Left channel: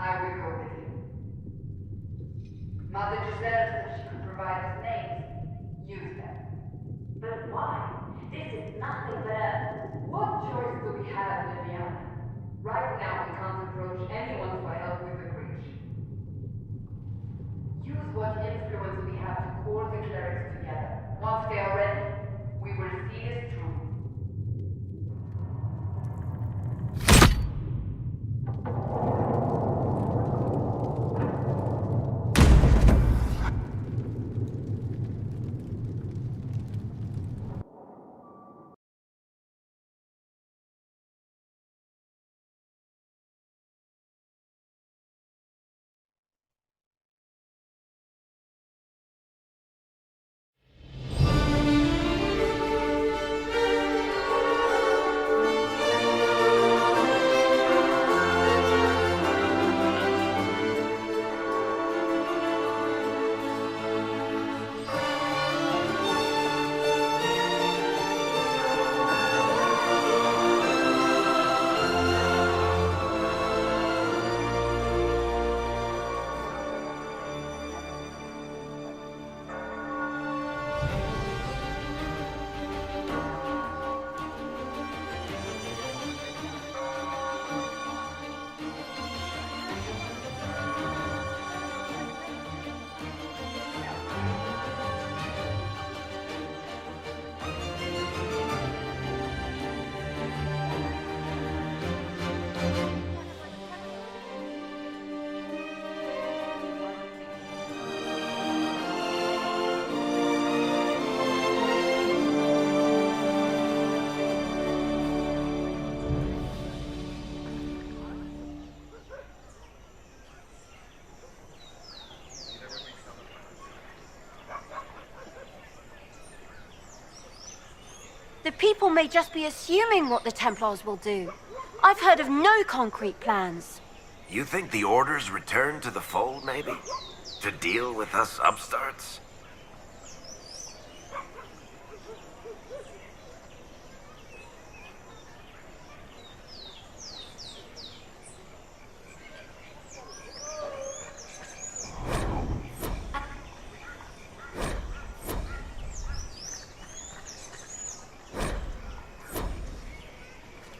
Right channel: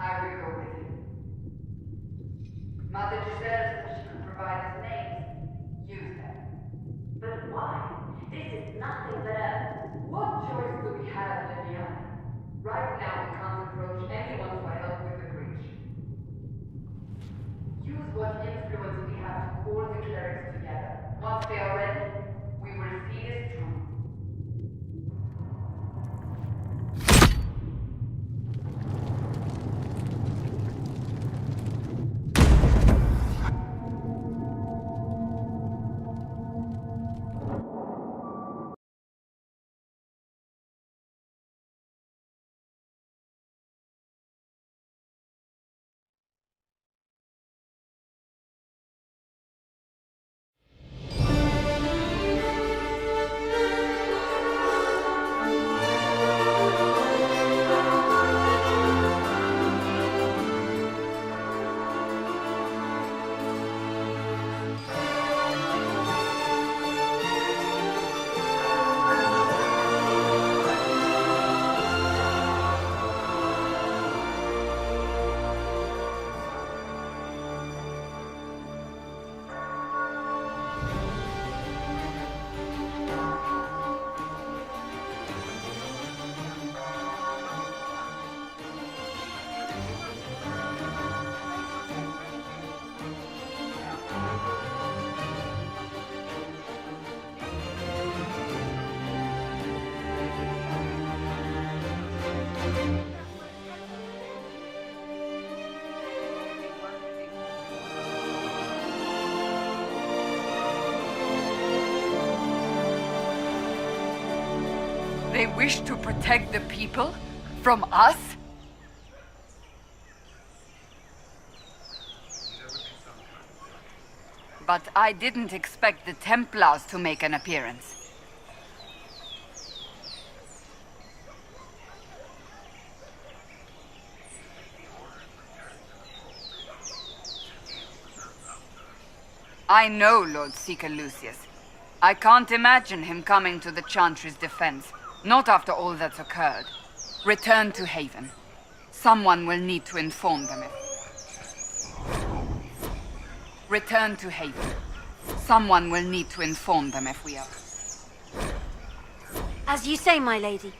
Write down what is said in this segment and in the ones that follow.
I will go with you. Mother just said that she could provide us names. Use them. But why? This is nothing but a... What choice do we have, Vivienne? Right now we can't approach anyone for help with the breach. Use what influence we have to call the clerics together. Once they are ready, we will see this through. They wish to protect the people from us? But I didn't expect the Templars to make an appearance. The people may just be assuming what the Templars will do. I've heard of no concrete plans. You think the Order's return to the fold, maybe? To deal with us upstarts? I know Lord Seeker Lucius. I can't imagine him coming to the Chantry's defense. Not after all that's occurred. Return to Haven. Someone will need to inform them Return to Haven. Someone will need to inform them if we are. As you say, my lady.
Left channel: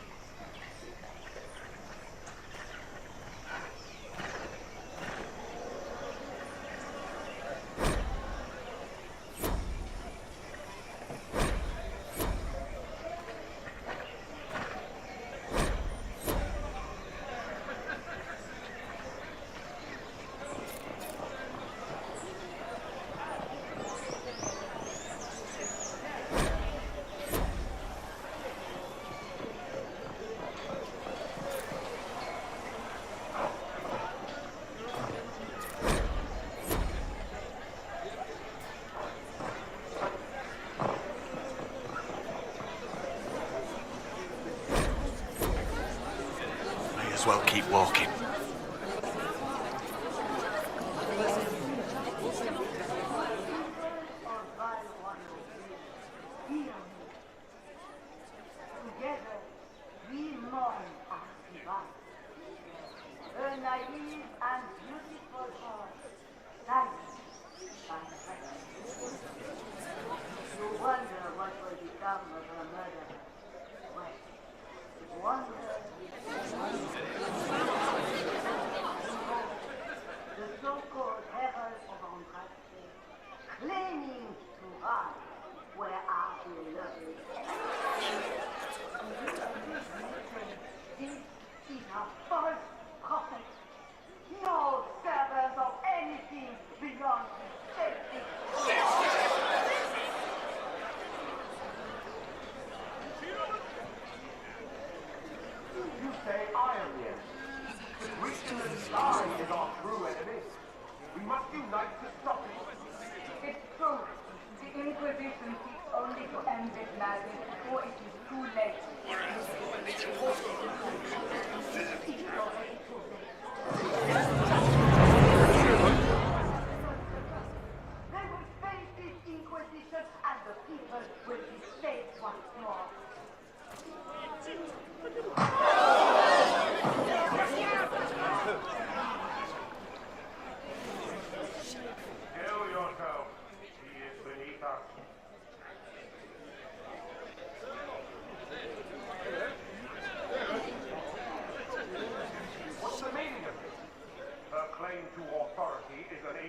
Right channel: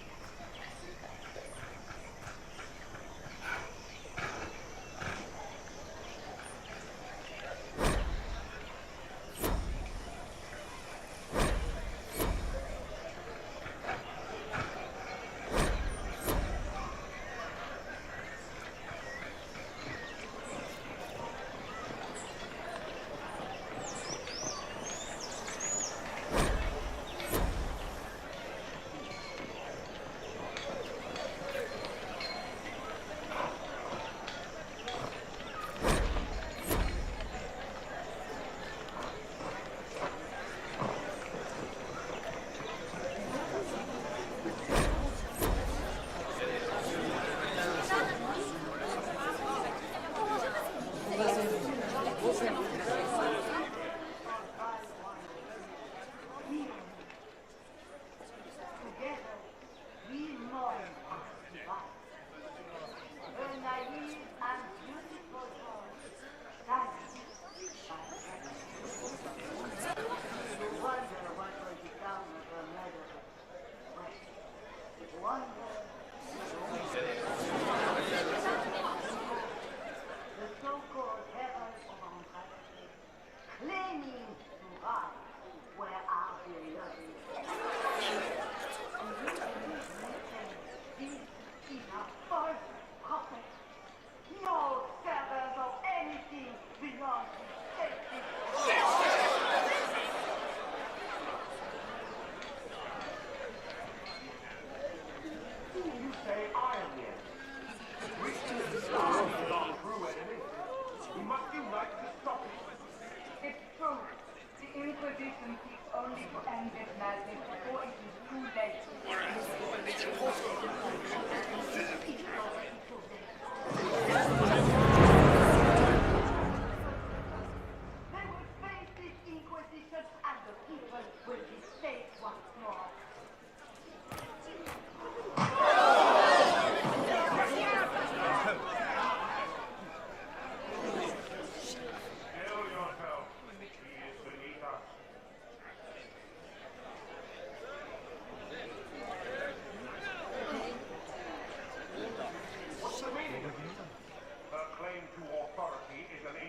Inquisition seeks only to end this madness before it is too late. They will face this Inquisition and the people will be safe once more.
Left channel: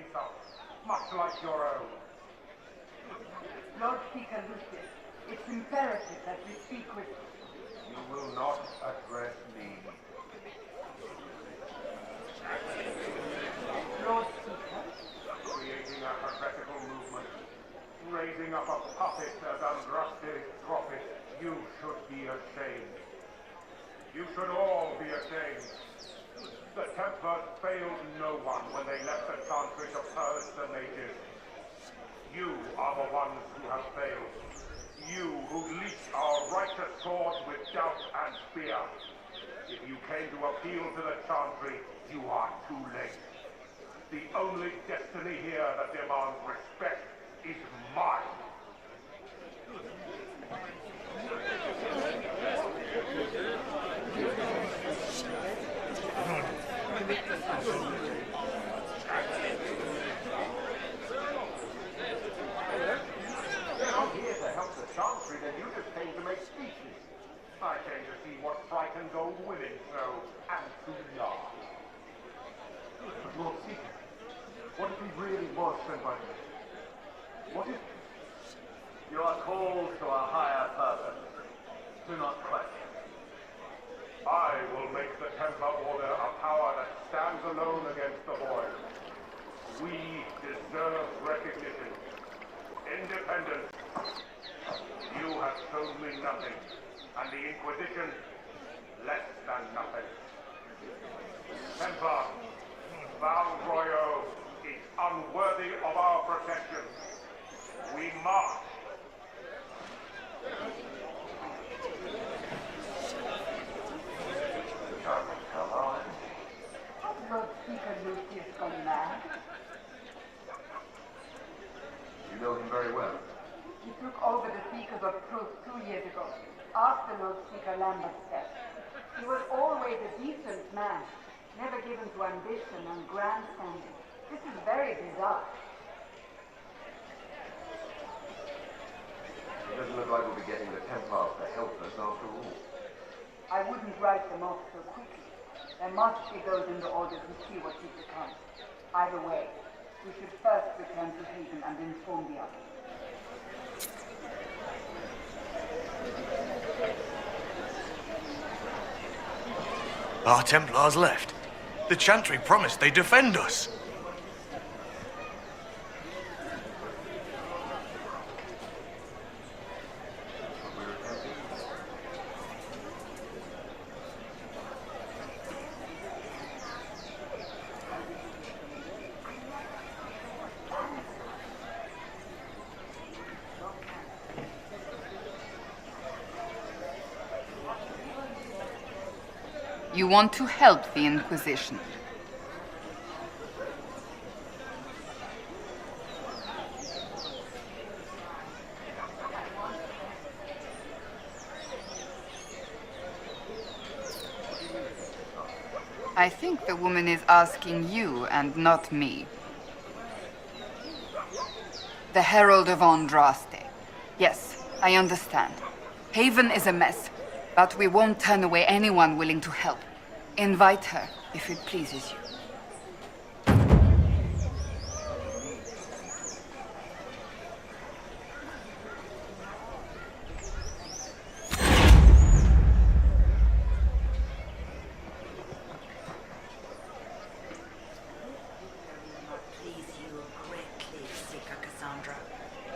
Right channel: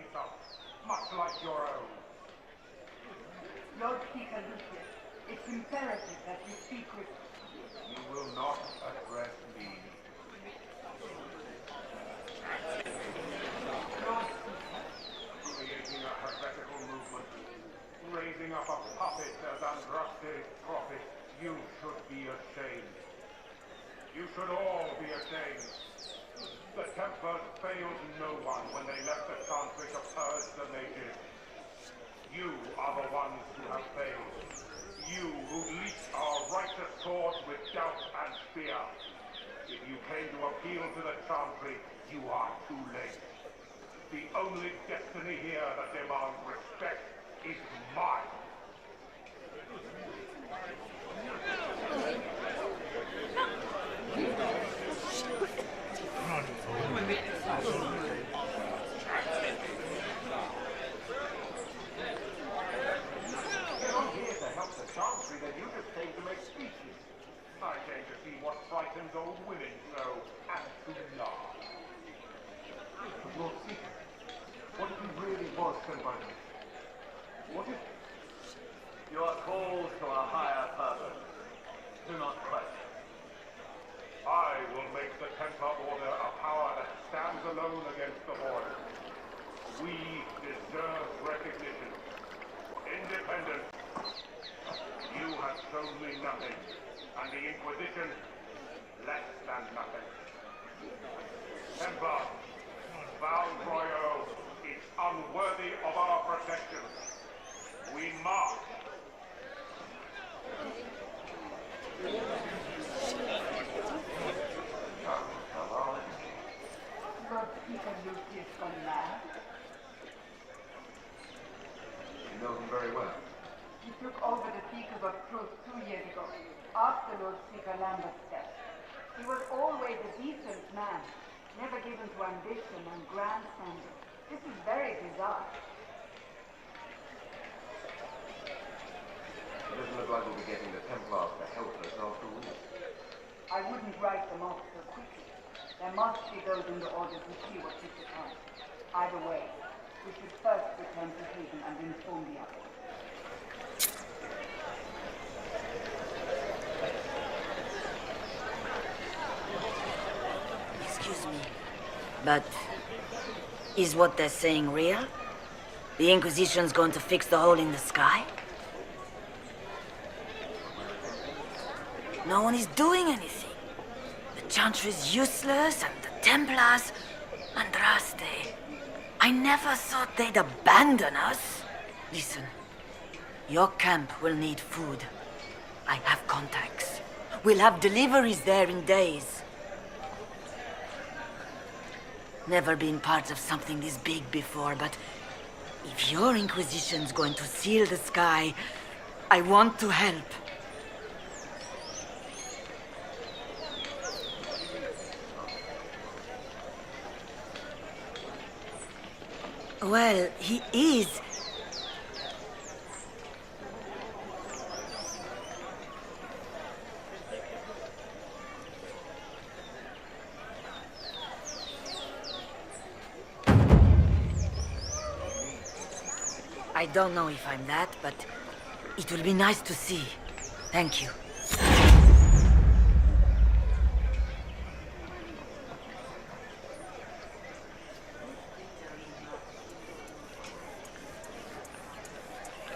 insult, much like your own. Lord Seeker Lucius, it's imperative that you speak with... You will not address me. Lord Seeker? Creating a heretical movement, raising up a puppet as Andraste's prophet, you should be ashamed. You should all be ashamed. The Templars failed no one when they left the Chantry to purge the mages. You are the ones who have failed. You who leased our righteous swords with doubt and fear. If you came to appeal to the Chantry, you are too late. The only destiny here that demands respect is mine. Chantry, then you just came to make speeches. I came to see what frightens old women so, and to laugh. But Lord Seeker, what if he really was sent by them? What if... You are called to a higher purpose. Do not question. I will make the Templar Order a power that stands alone against the void. We deserve recognition. Independence. You have shown me nothing, and the Inquisition, less than nothing. Templar, Val Royo is unworthy of our protection. We march. Charming fellow. Has Lord Seeker Lucius gone mad? You know him very well. He took over the Seekers of Truth 2 years ago, after Lord Seeker Lambert's death. He was always a decent man, never given to ambition and grandstanding. This is very bizarre. It doesn't look like we'll be getting the Templars to help us after all. I wouldn't write them off so quickly. There must be those in the Order who see what is to come. Either way, we should first return to Haven and inform the others. Our Templars left. The Chantry promised they'd defend us. Is what they're saying real? The Inquisition's going to fix the hole in the sky? No one is doing anything. The Chantry's useless, and the Templars... Andraste. I never thought they'd abandon us. Listen, your camp will need food. I have contacts. We'll have deliveries there in days. You want to help the Inquisition? Never been part of something this big before, but if your Inquisition's going to seal the sky, I want to help. I think the woman is asking you and not me. Well, he is. The Herald of Andraste. Yes, I understand. Haven is a mess. But we won't turn away anyone willing to help. Invite her, if it pleases you. I don't know if I'm that, but it will be nice to see. Thank you.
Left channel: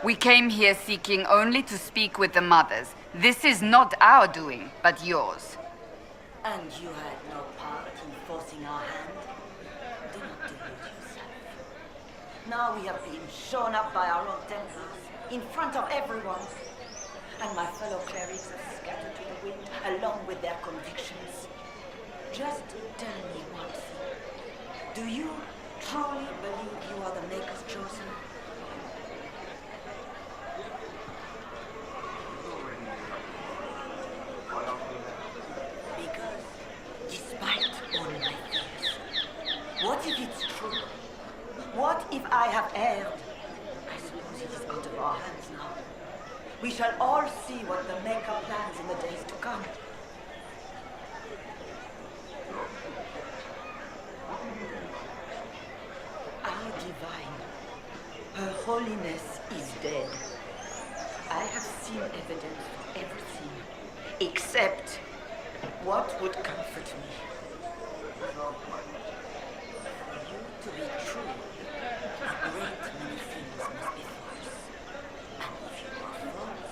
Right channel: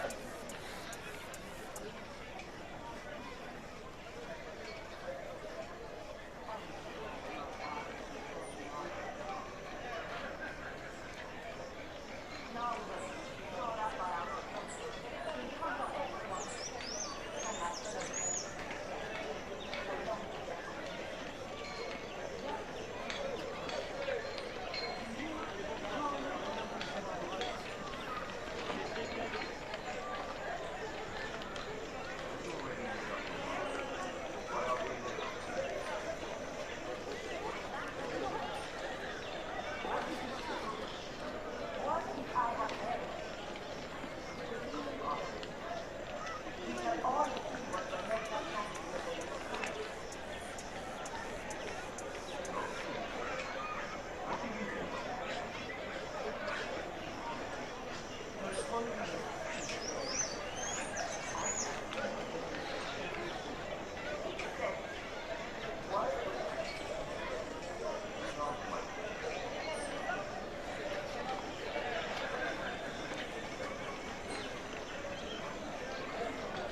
We came here seeking only to speak with the mothers. This is not our doing, but yours. And you had no part in forcing our hand. Now we have been shown up by our Lord Templars, in front of everyone. And my fellow clerics are scattered to the wind, along with their convictions. Just tell me one thing. Do you truly believe you are the Maker's chosen? What if it's true? What if I have erred? I suppose it is out of our hands now. We shall all see what the Maker plans in the days to come. What do you think? holiness is dead. I have seen evidence of everything, except what would comfort me. To be true, a great many things must be false. And if you are false,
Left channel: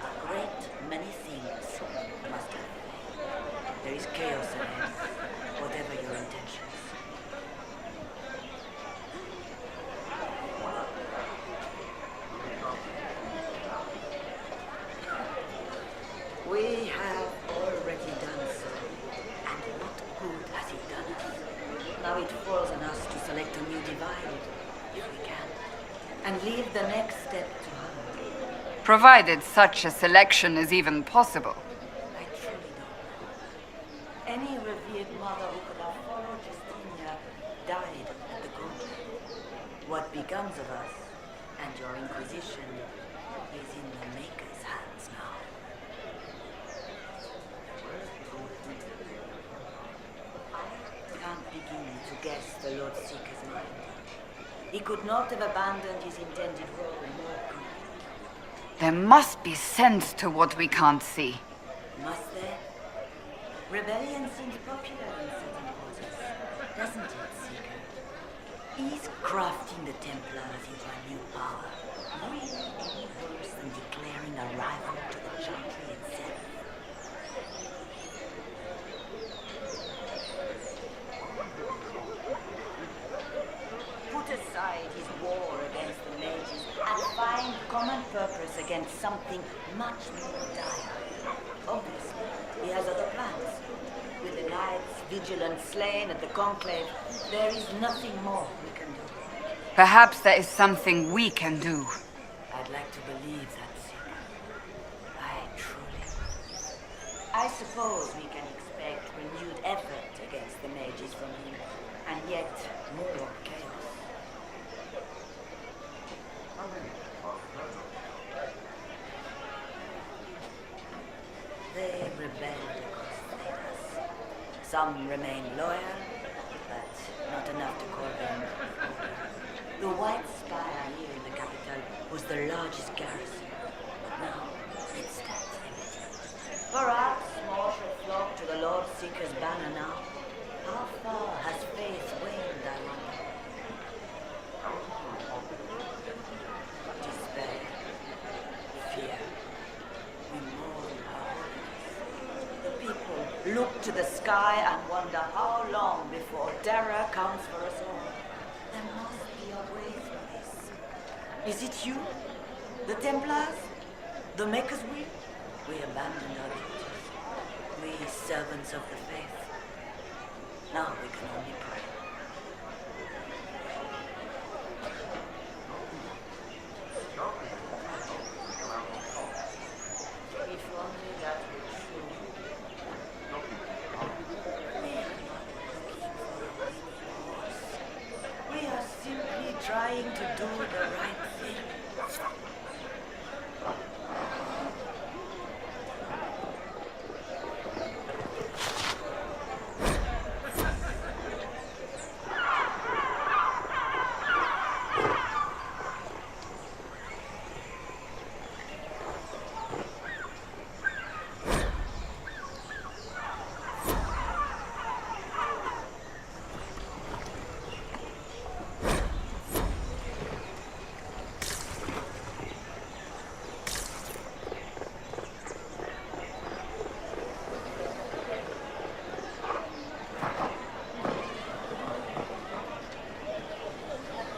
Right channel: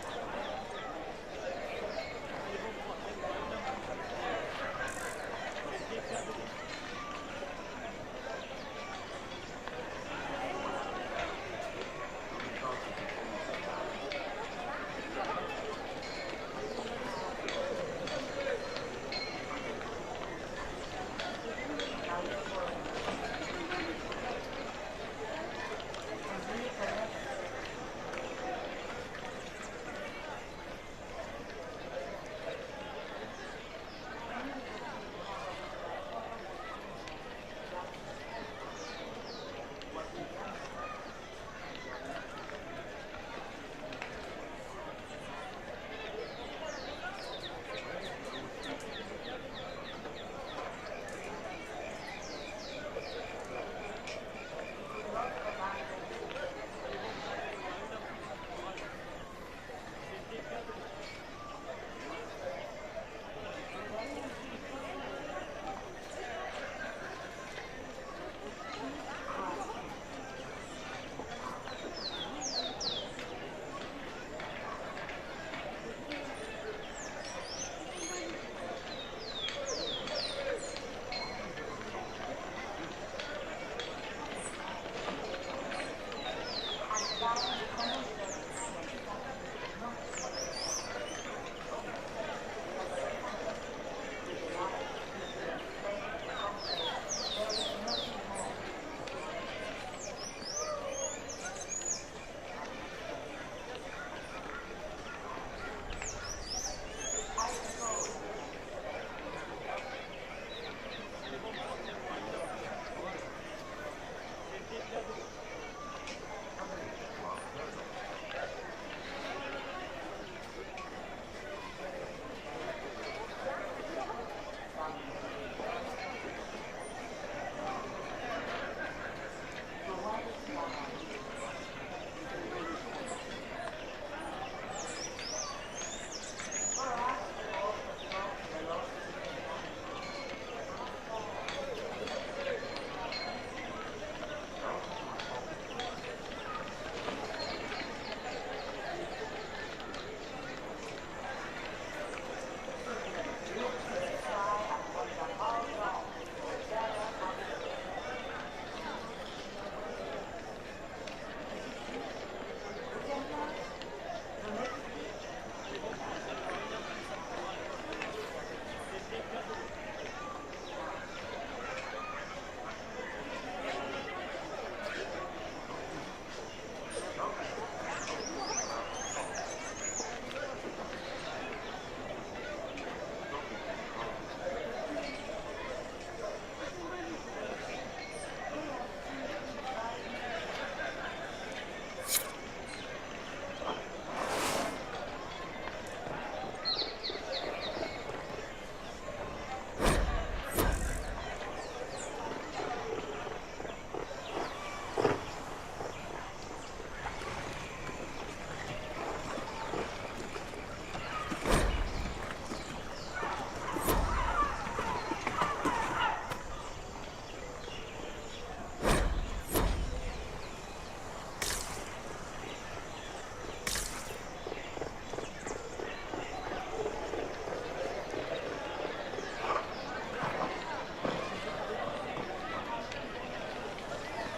a great many things must happen. There is chaos ahead, whatever your intentions. We have already done so, and what good has it done us? Now it falls on us to select a new divide, if we can, and leave the next step to others. Provided such a selection is even possible. I truly don't. Any revered mother who could have followed Justinia died and gone. What becomes of us, and your Inquisition, is in the Maker's hands now. Can't begin to guess the Lord Seeker's mind. He could not have abandoned his intended role. There must be sense to what we can't see. Must there? Rebellion seems popular in certain quarters, doesn't it, Seeker? He's crafting the Templars into a new power. Worse than declaring a rival to the Chantry itself. Put aside his war against the mages and find common purpose against something much more dire. Obviously, he has other plans. With the knights, vigilance slain at the conclave, there is nothing more we can do. Perhaps there is something we can do. I'd like to believe that. I truly. I suppose we can expect renewed effort against the mages from him, and yet more chaos. They rebelled across Thedas. Some remain loyal, but not enough to call them. The White Spire near the capital was the largest garrison. Now it's dead. Perhaps more shall flock to the Lord Seeker's banner now. How far has faith waned, I wonder? Despair, fear, remorse. People look to the sky and wonder how long before terror comes for us all. There must be a way for this. Is it you? The Templars? The Maker's Will? We abandon our duties. We servants of the faith. Now we can only pray. We are simply trying to do the right thing.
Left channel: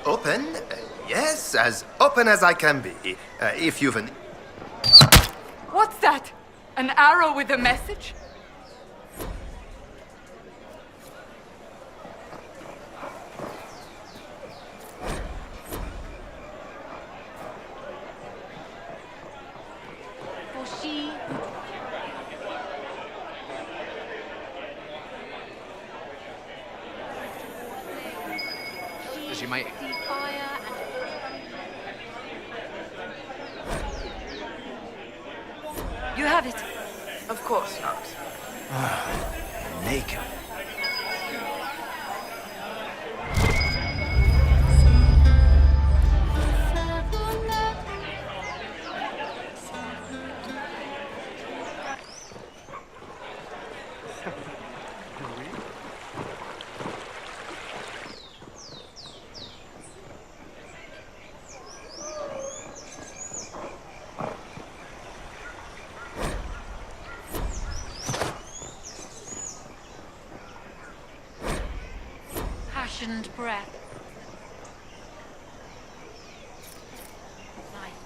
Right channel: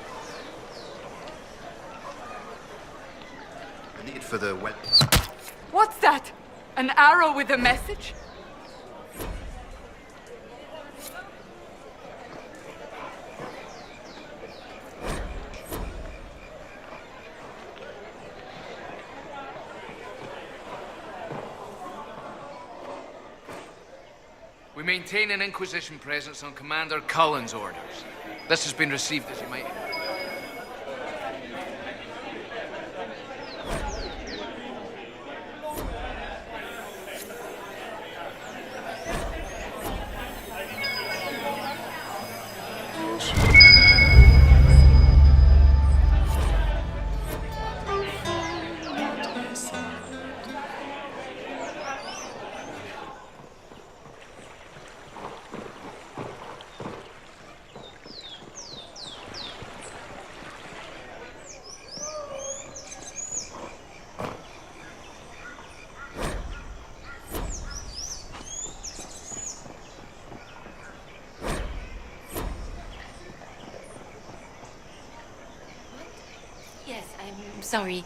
Open? Yes, as open as I can be. If you've a need for the well. What's that? An arrow with a message? We maintain an Inquisition presence on Commander Cullen's orders. This has been received as you might. You have it. Of course, Holmes. Maker. impassioned breath. Yes, I'm sorry.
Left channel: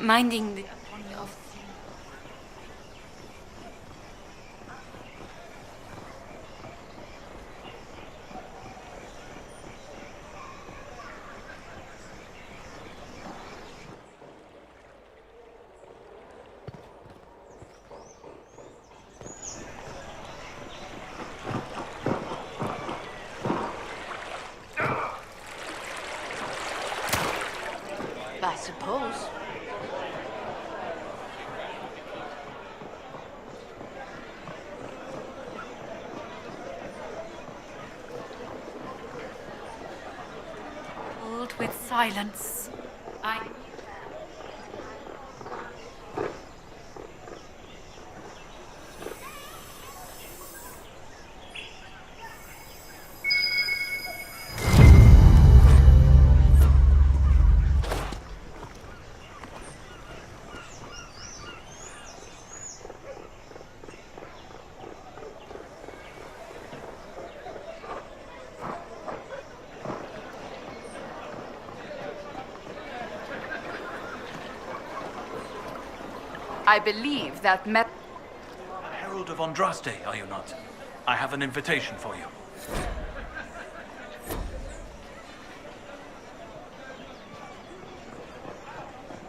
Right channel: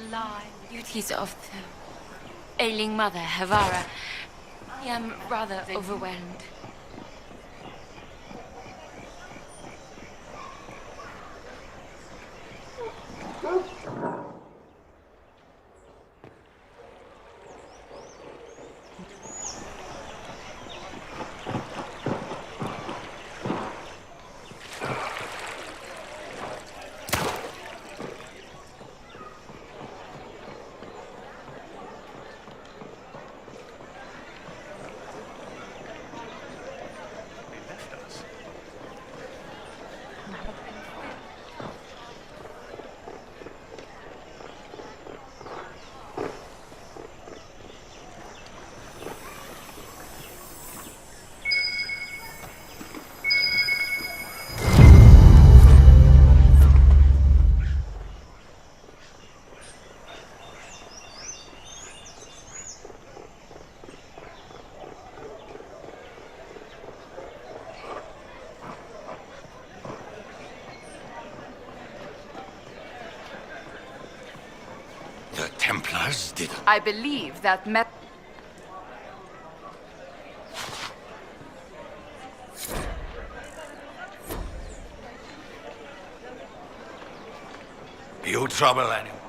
Minding the duties of the ailing mother, Havara. I am rather overwhelmed. I suppose. Filled with silence. The Templars did... I believe that You are the Herald of Andraste, are you not? I have an invitation for you. You trouble anyone?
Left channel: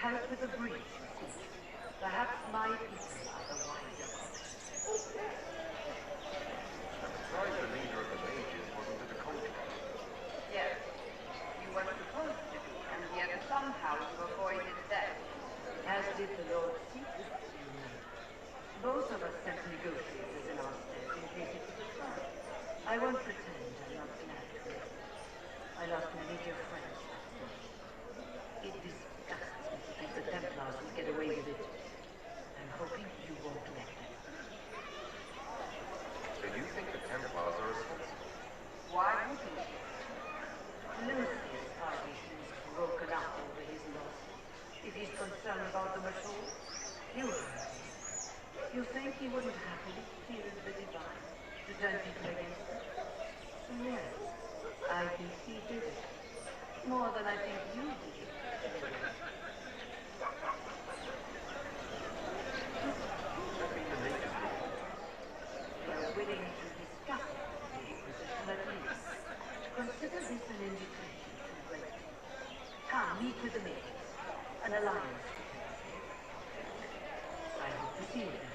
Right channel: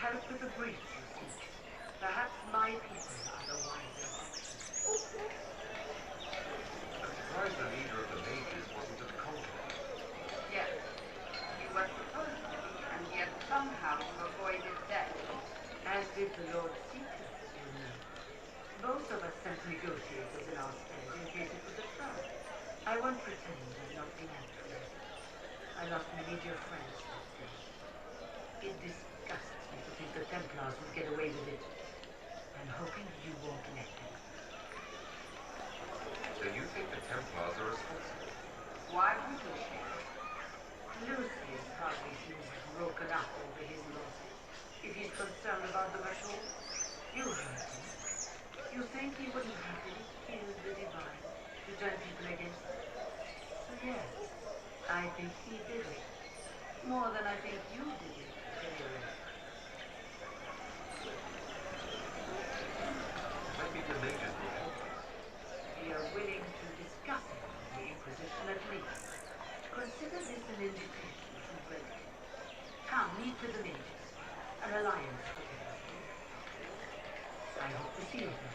Help with the breach. Perhaps my people are the wiser ones. I'm surprised the leader of the mages wasn't to the contrary. Yes, you were supposed to be, and yet somehow you avoided death. As did the Lord Seeker, you know. Both of us sent negotiators in our stead in case it was a threat. I won't pretend I'm not inadequate. I lost many dear friends that day. It disgusts me to think the Templars will get away with it. I'm hoping you won't let them. So you think the Templars are responsible? Why wouldn't you? Lucius hardly seems broken up over his losses. If he's concerned about them at all, you heard him. You think he wouldn't happily kill the divine to turn people against them? Yes, I think he did it. More than I think you did it, anyway. When did the mages look at this? We are willing to discuss it with the Inquisition at least. Consider this an invitation to relatives. Come, meet with the mages. An alliance. I hope to see you then.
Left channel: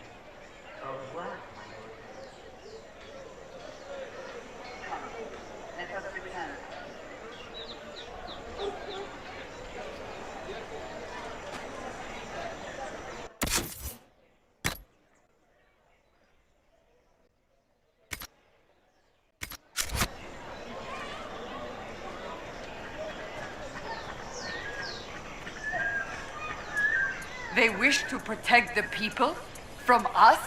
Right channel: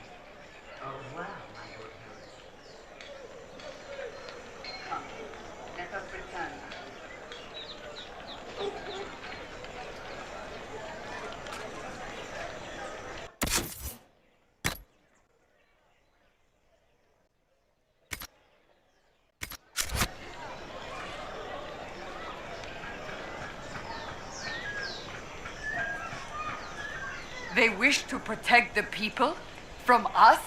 Au revoir, my old friend. Come, let us return. They wish to protect the people from us?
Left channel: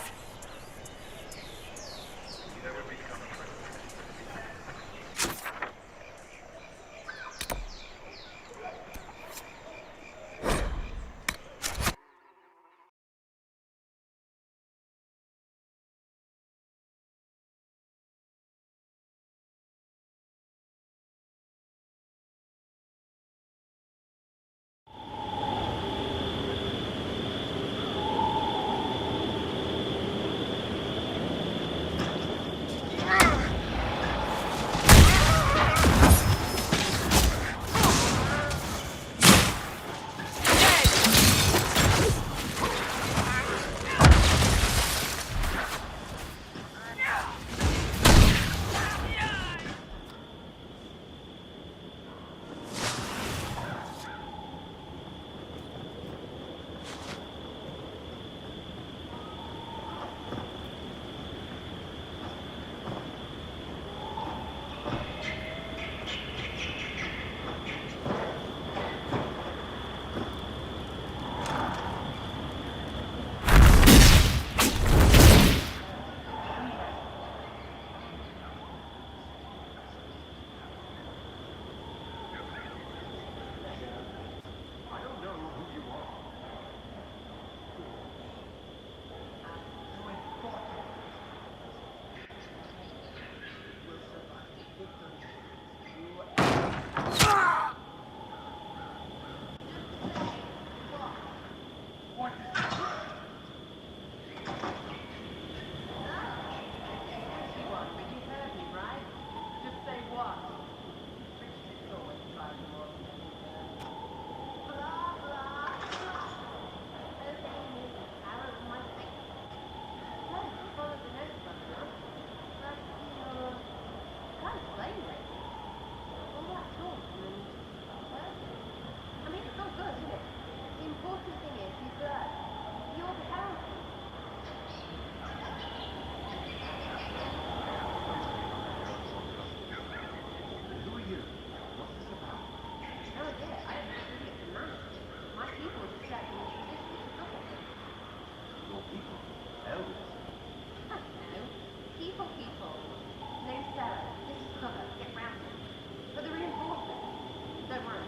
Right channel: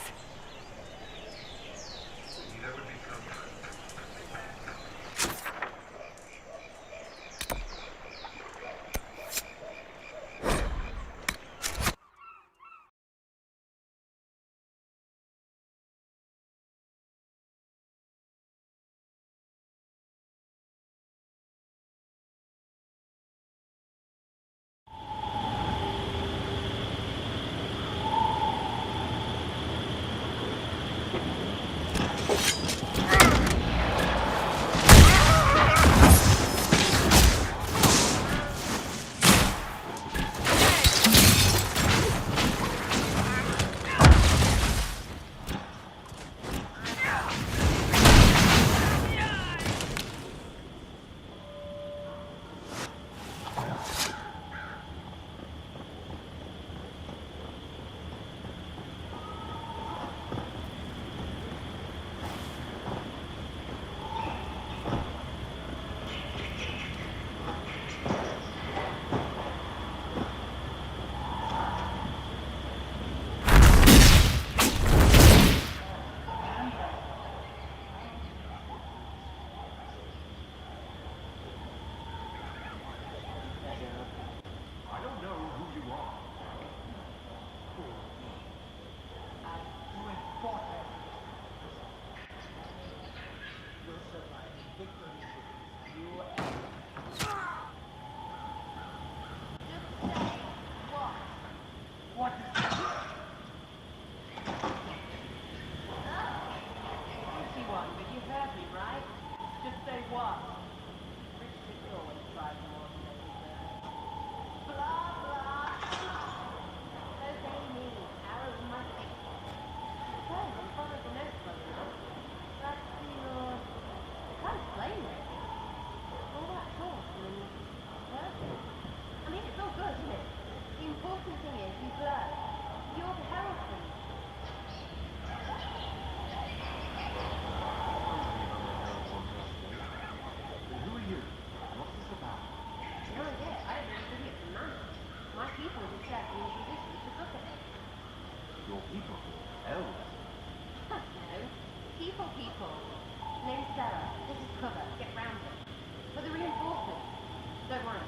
Don't worry.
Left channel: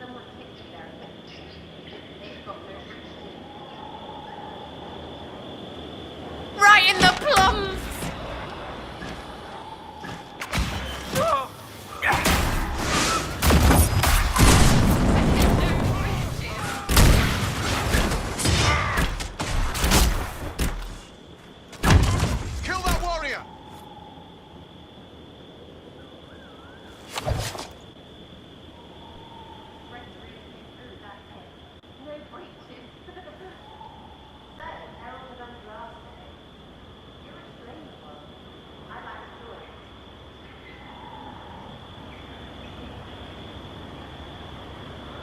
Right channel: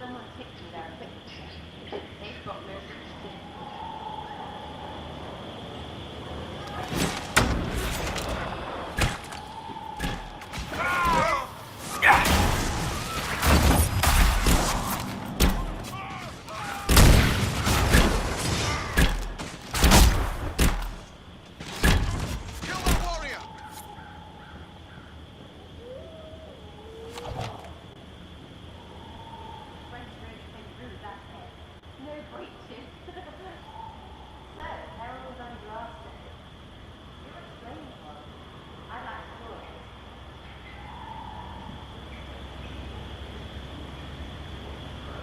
Someone takes you there quickly. They've got no reason. Right in the plums! Kill that warrior! Friends really came through with that hit. No breaches. So, Herald was undrafted. You're a strange one. I'd like to do it.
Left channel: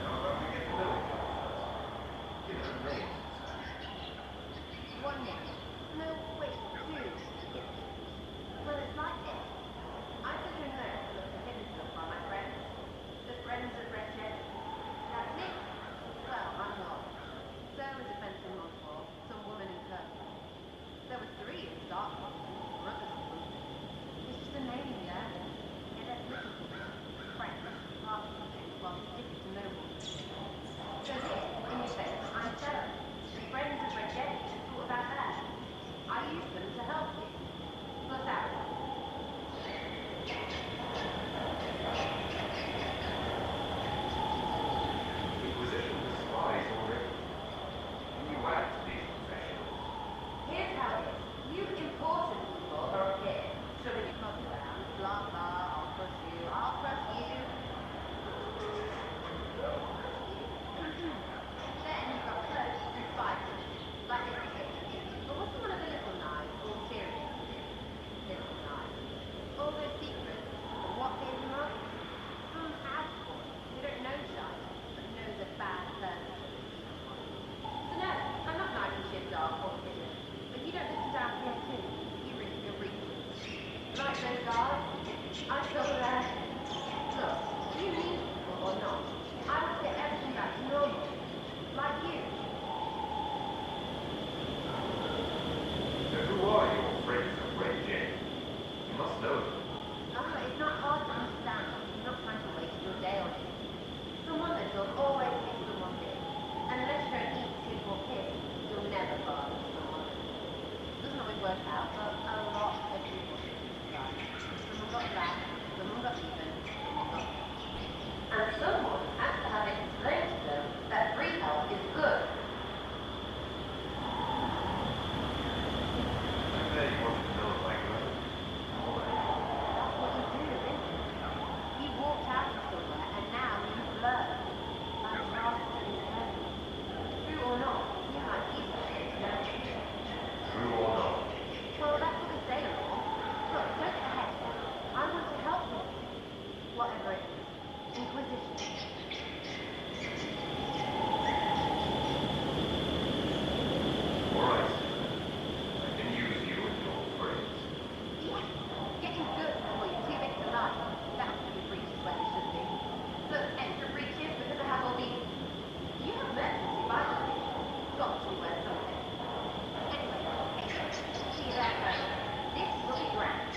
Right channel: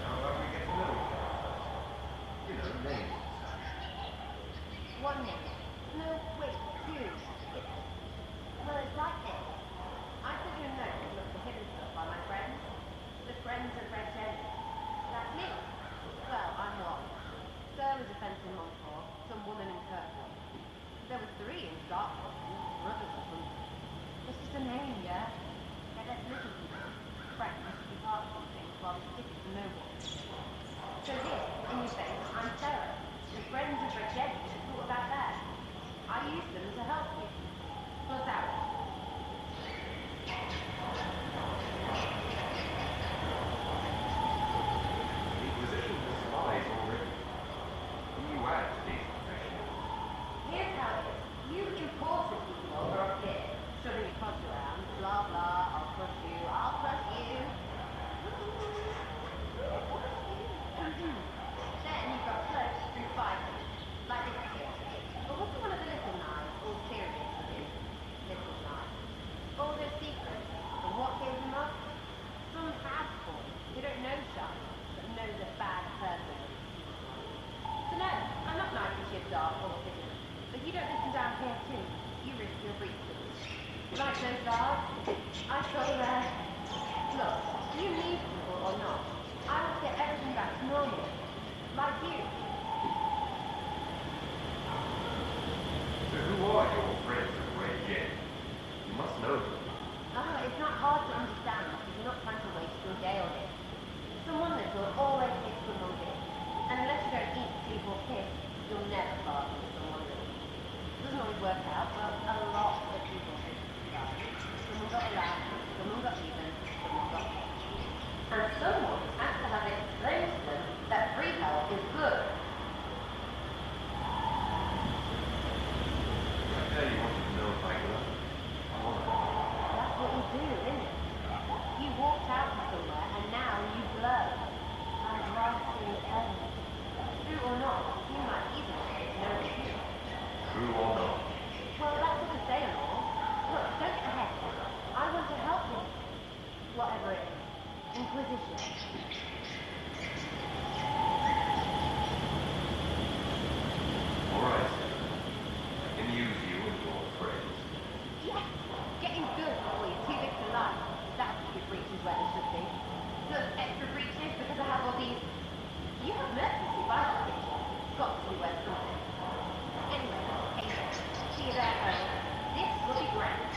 How about we get to know each other first? You know, names and such. One name. No, wait, two. Well, it's like this. I took your note to look for hidden stuff by my friends. The friends of Red Jenny. That's me. Well, I'm one. Sera is a fence in Montfort, some woman in Kirkwood. There were three in Dartmoor, brothers or something. It's just a name, yeah? Yeah, let's listen to them. Friends, apart from things, while sticking to no one. So here, in your face, I'm Sera. The friends of Red Jenny just thought about that. I use them to help you. Plus out. Inquisition has spies already. You add to these professionals. Here's how it is. You important people are up here, shoving your cods around, blah blah, I'll crush you. Then you've got close and fighters, like this here. But what's one of the little knives, all serious with it? Little knives. All those secrets, and what gave them up? Some fast boy who don't know shite, but knows a bad person when he sees one. So no, I'm not knifing ships off or hidden. But you don't listen down here too. You risk your breaches. Like those guards, I saw that. Look, you need people or not, I will get everything back to normal. Like you. So who are your friends of Red Jenny? You must know them. It's not hard to understand if you're not trying to waste your day on it. Someone little always hits someone big. And unless you don't eat, sleep or piss, you'll never bargain with someone little. Doesn't always work out, but a lot of people hit this guy. Someone got around, someone got even, someone got hit. And someone has to have it explained to them that free help is good. I bet you want to know if I go. That's what you do, isn't it? You walked out of somewhere and now you blur. I'm lost in the heavens. True or not, you might even say to know the truth. True or not? Well, that's what we say and all. Look, don't get ahead. I want to help you. Whatever it is. Inquisition. Alright. I can use you and your friends. Yes! Getting good before you're too big to lie. That's your breaches where they should be. Plus extra breaches because I have all these... You have merchants who buy that picture. Got to be worth something. Anyway, hey, see you there, Colonel. This will be grand.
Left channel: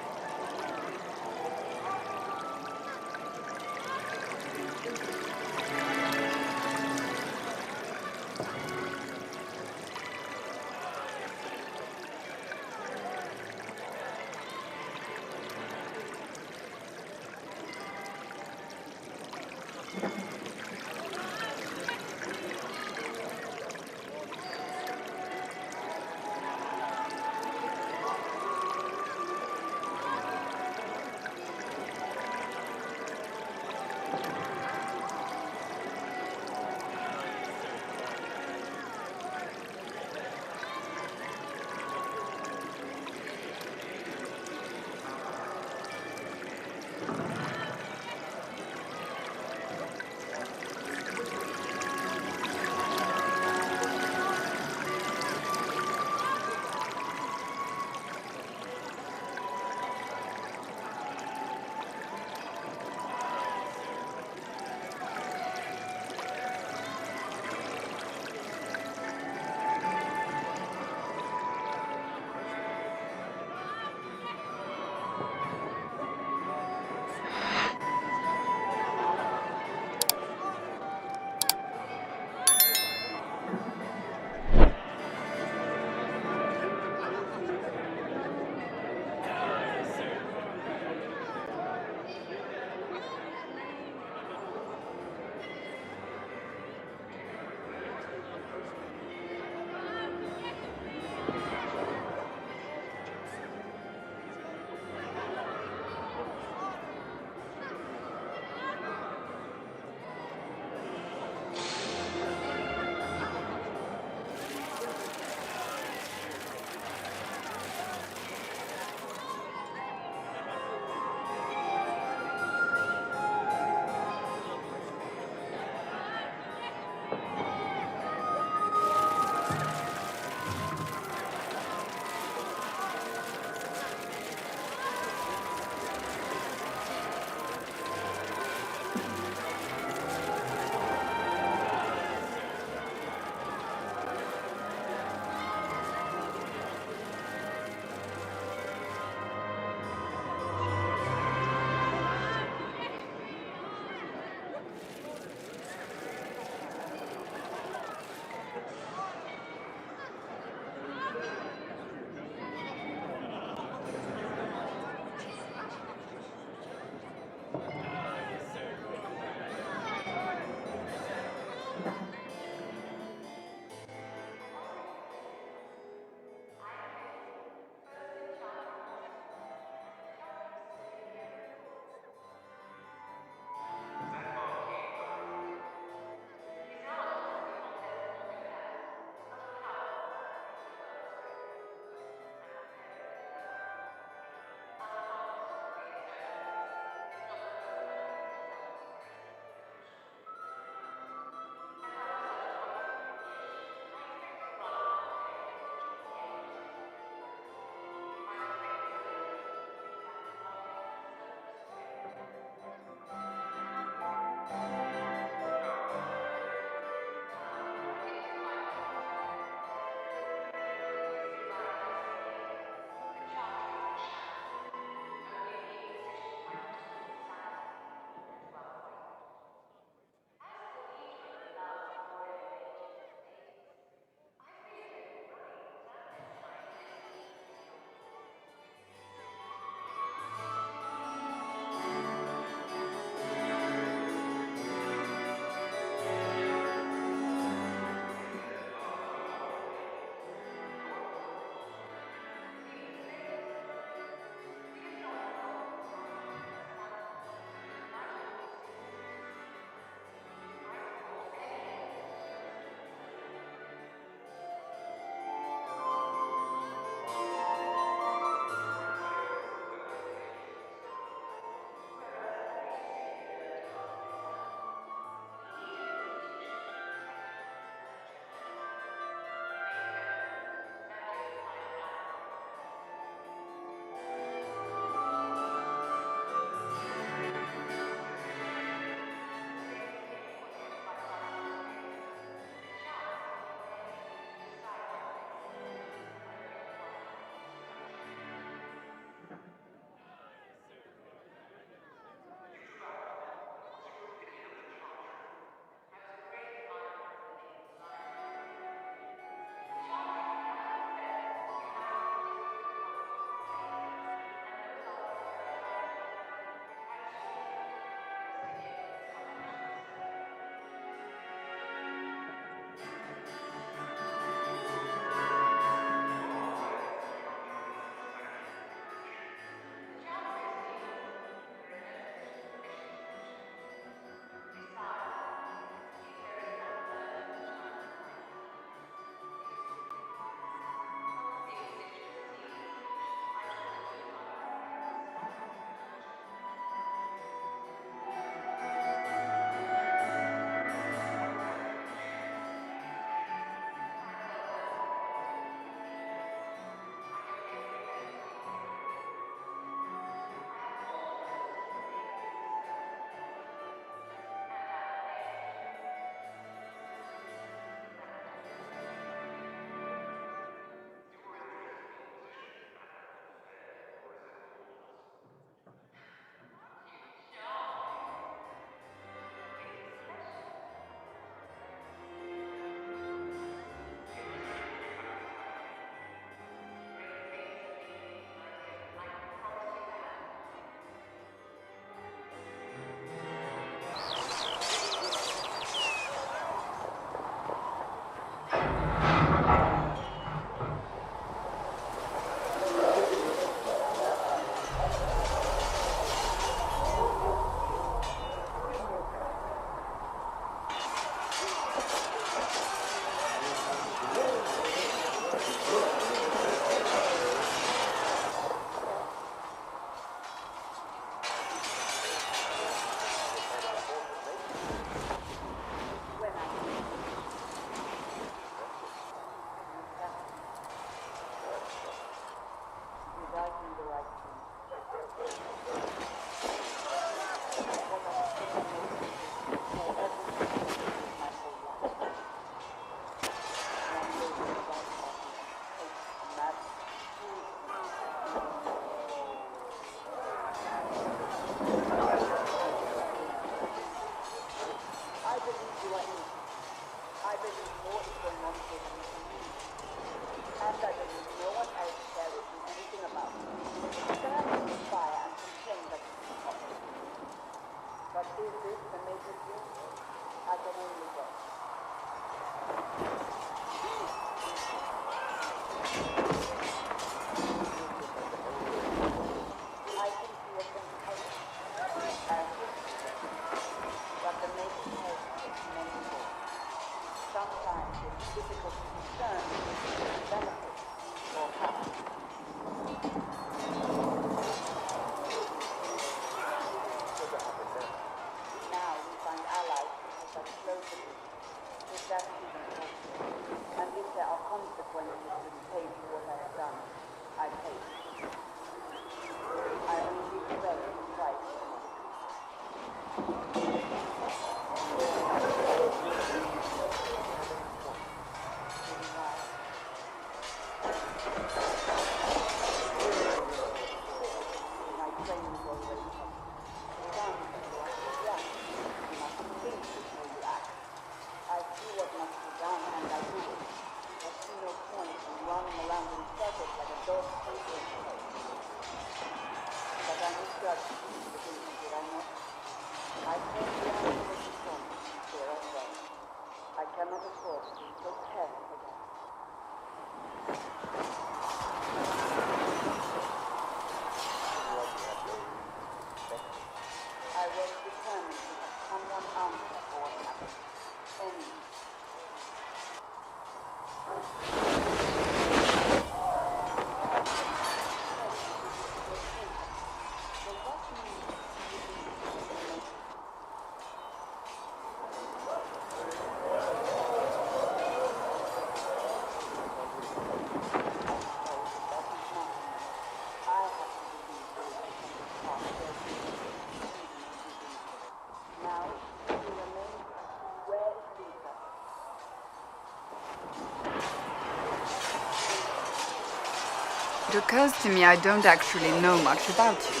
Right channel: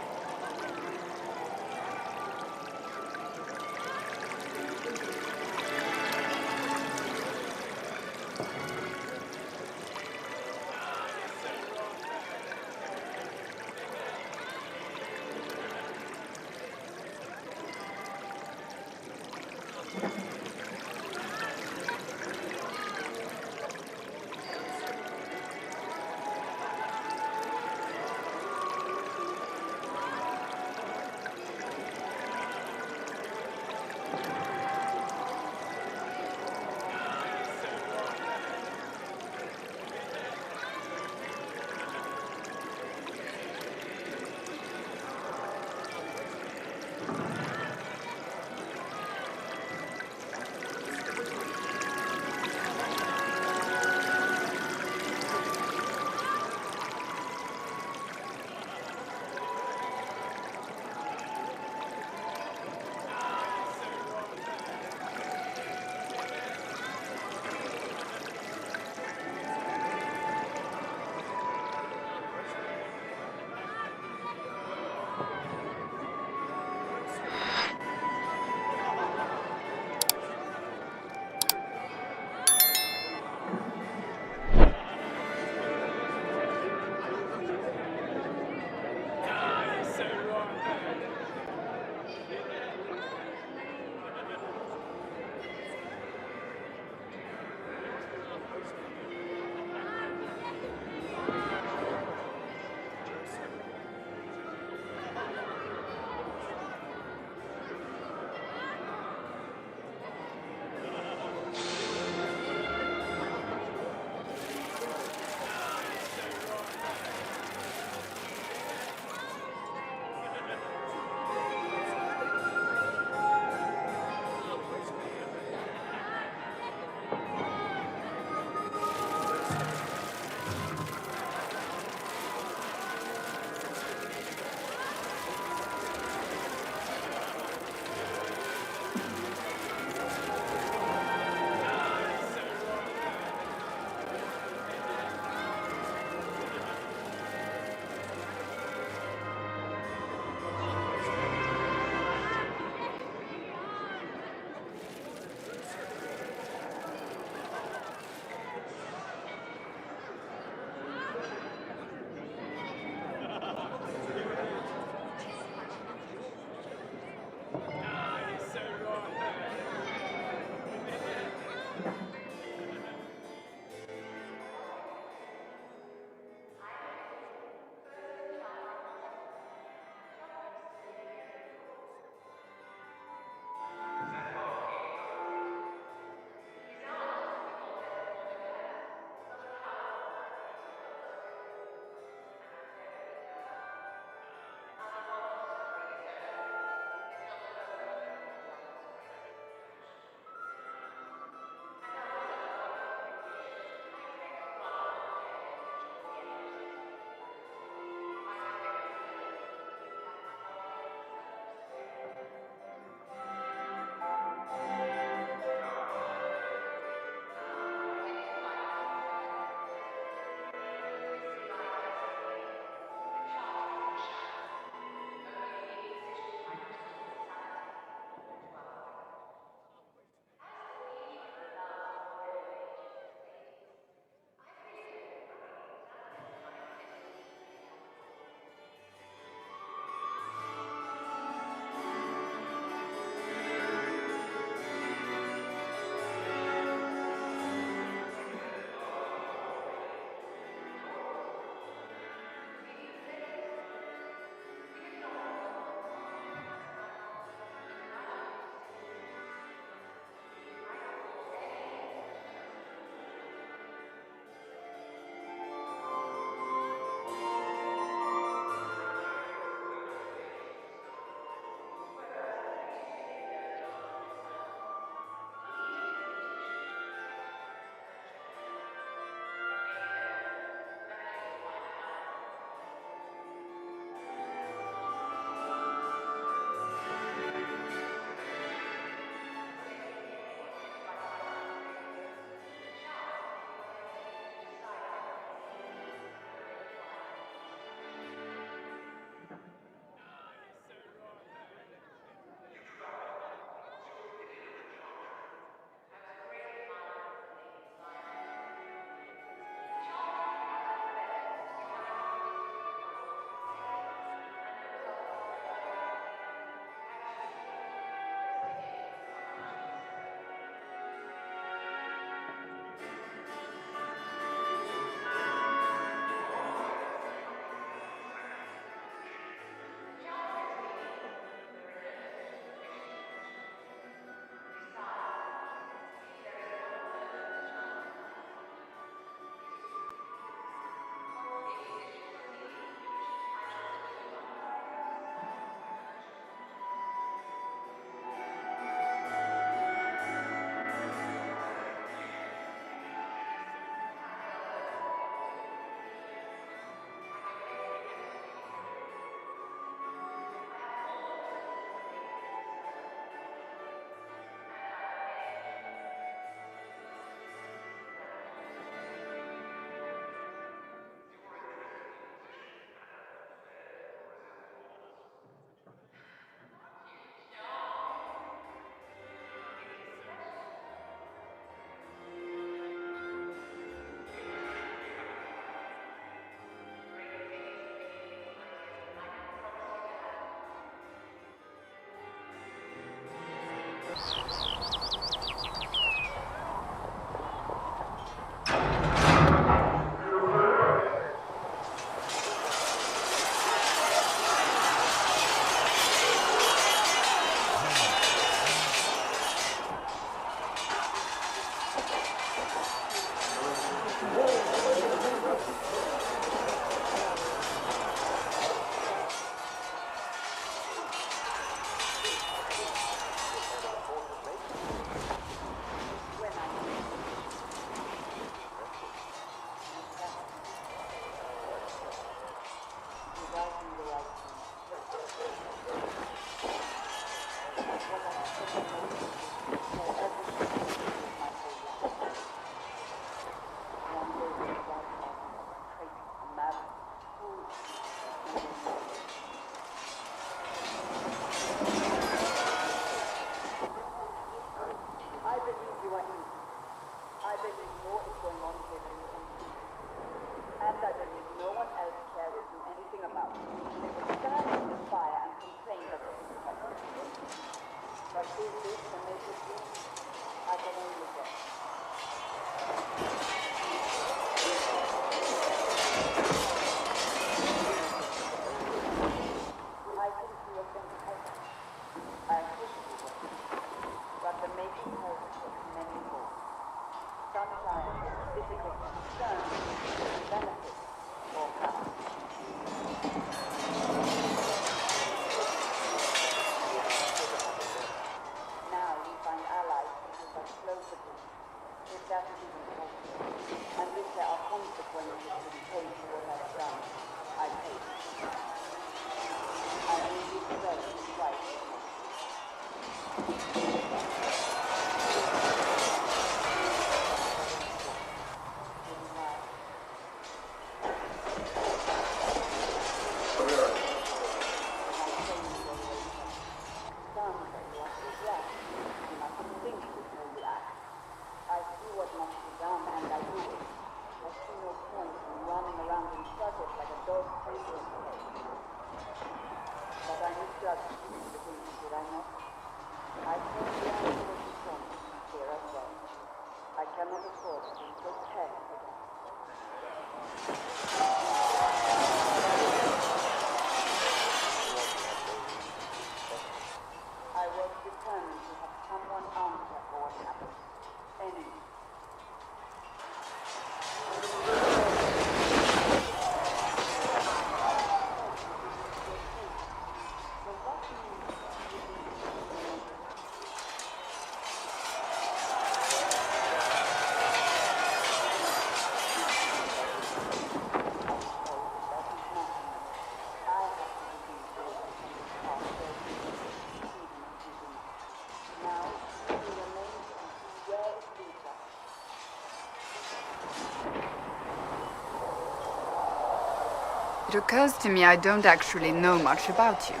It occurs to me I don't actually know much about you.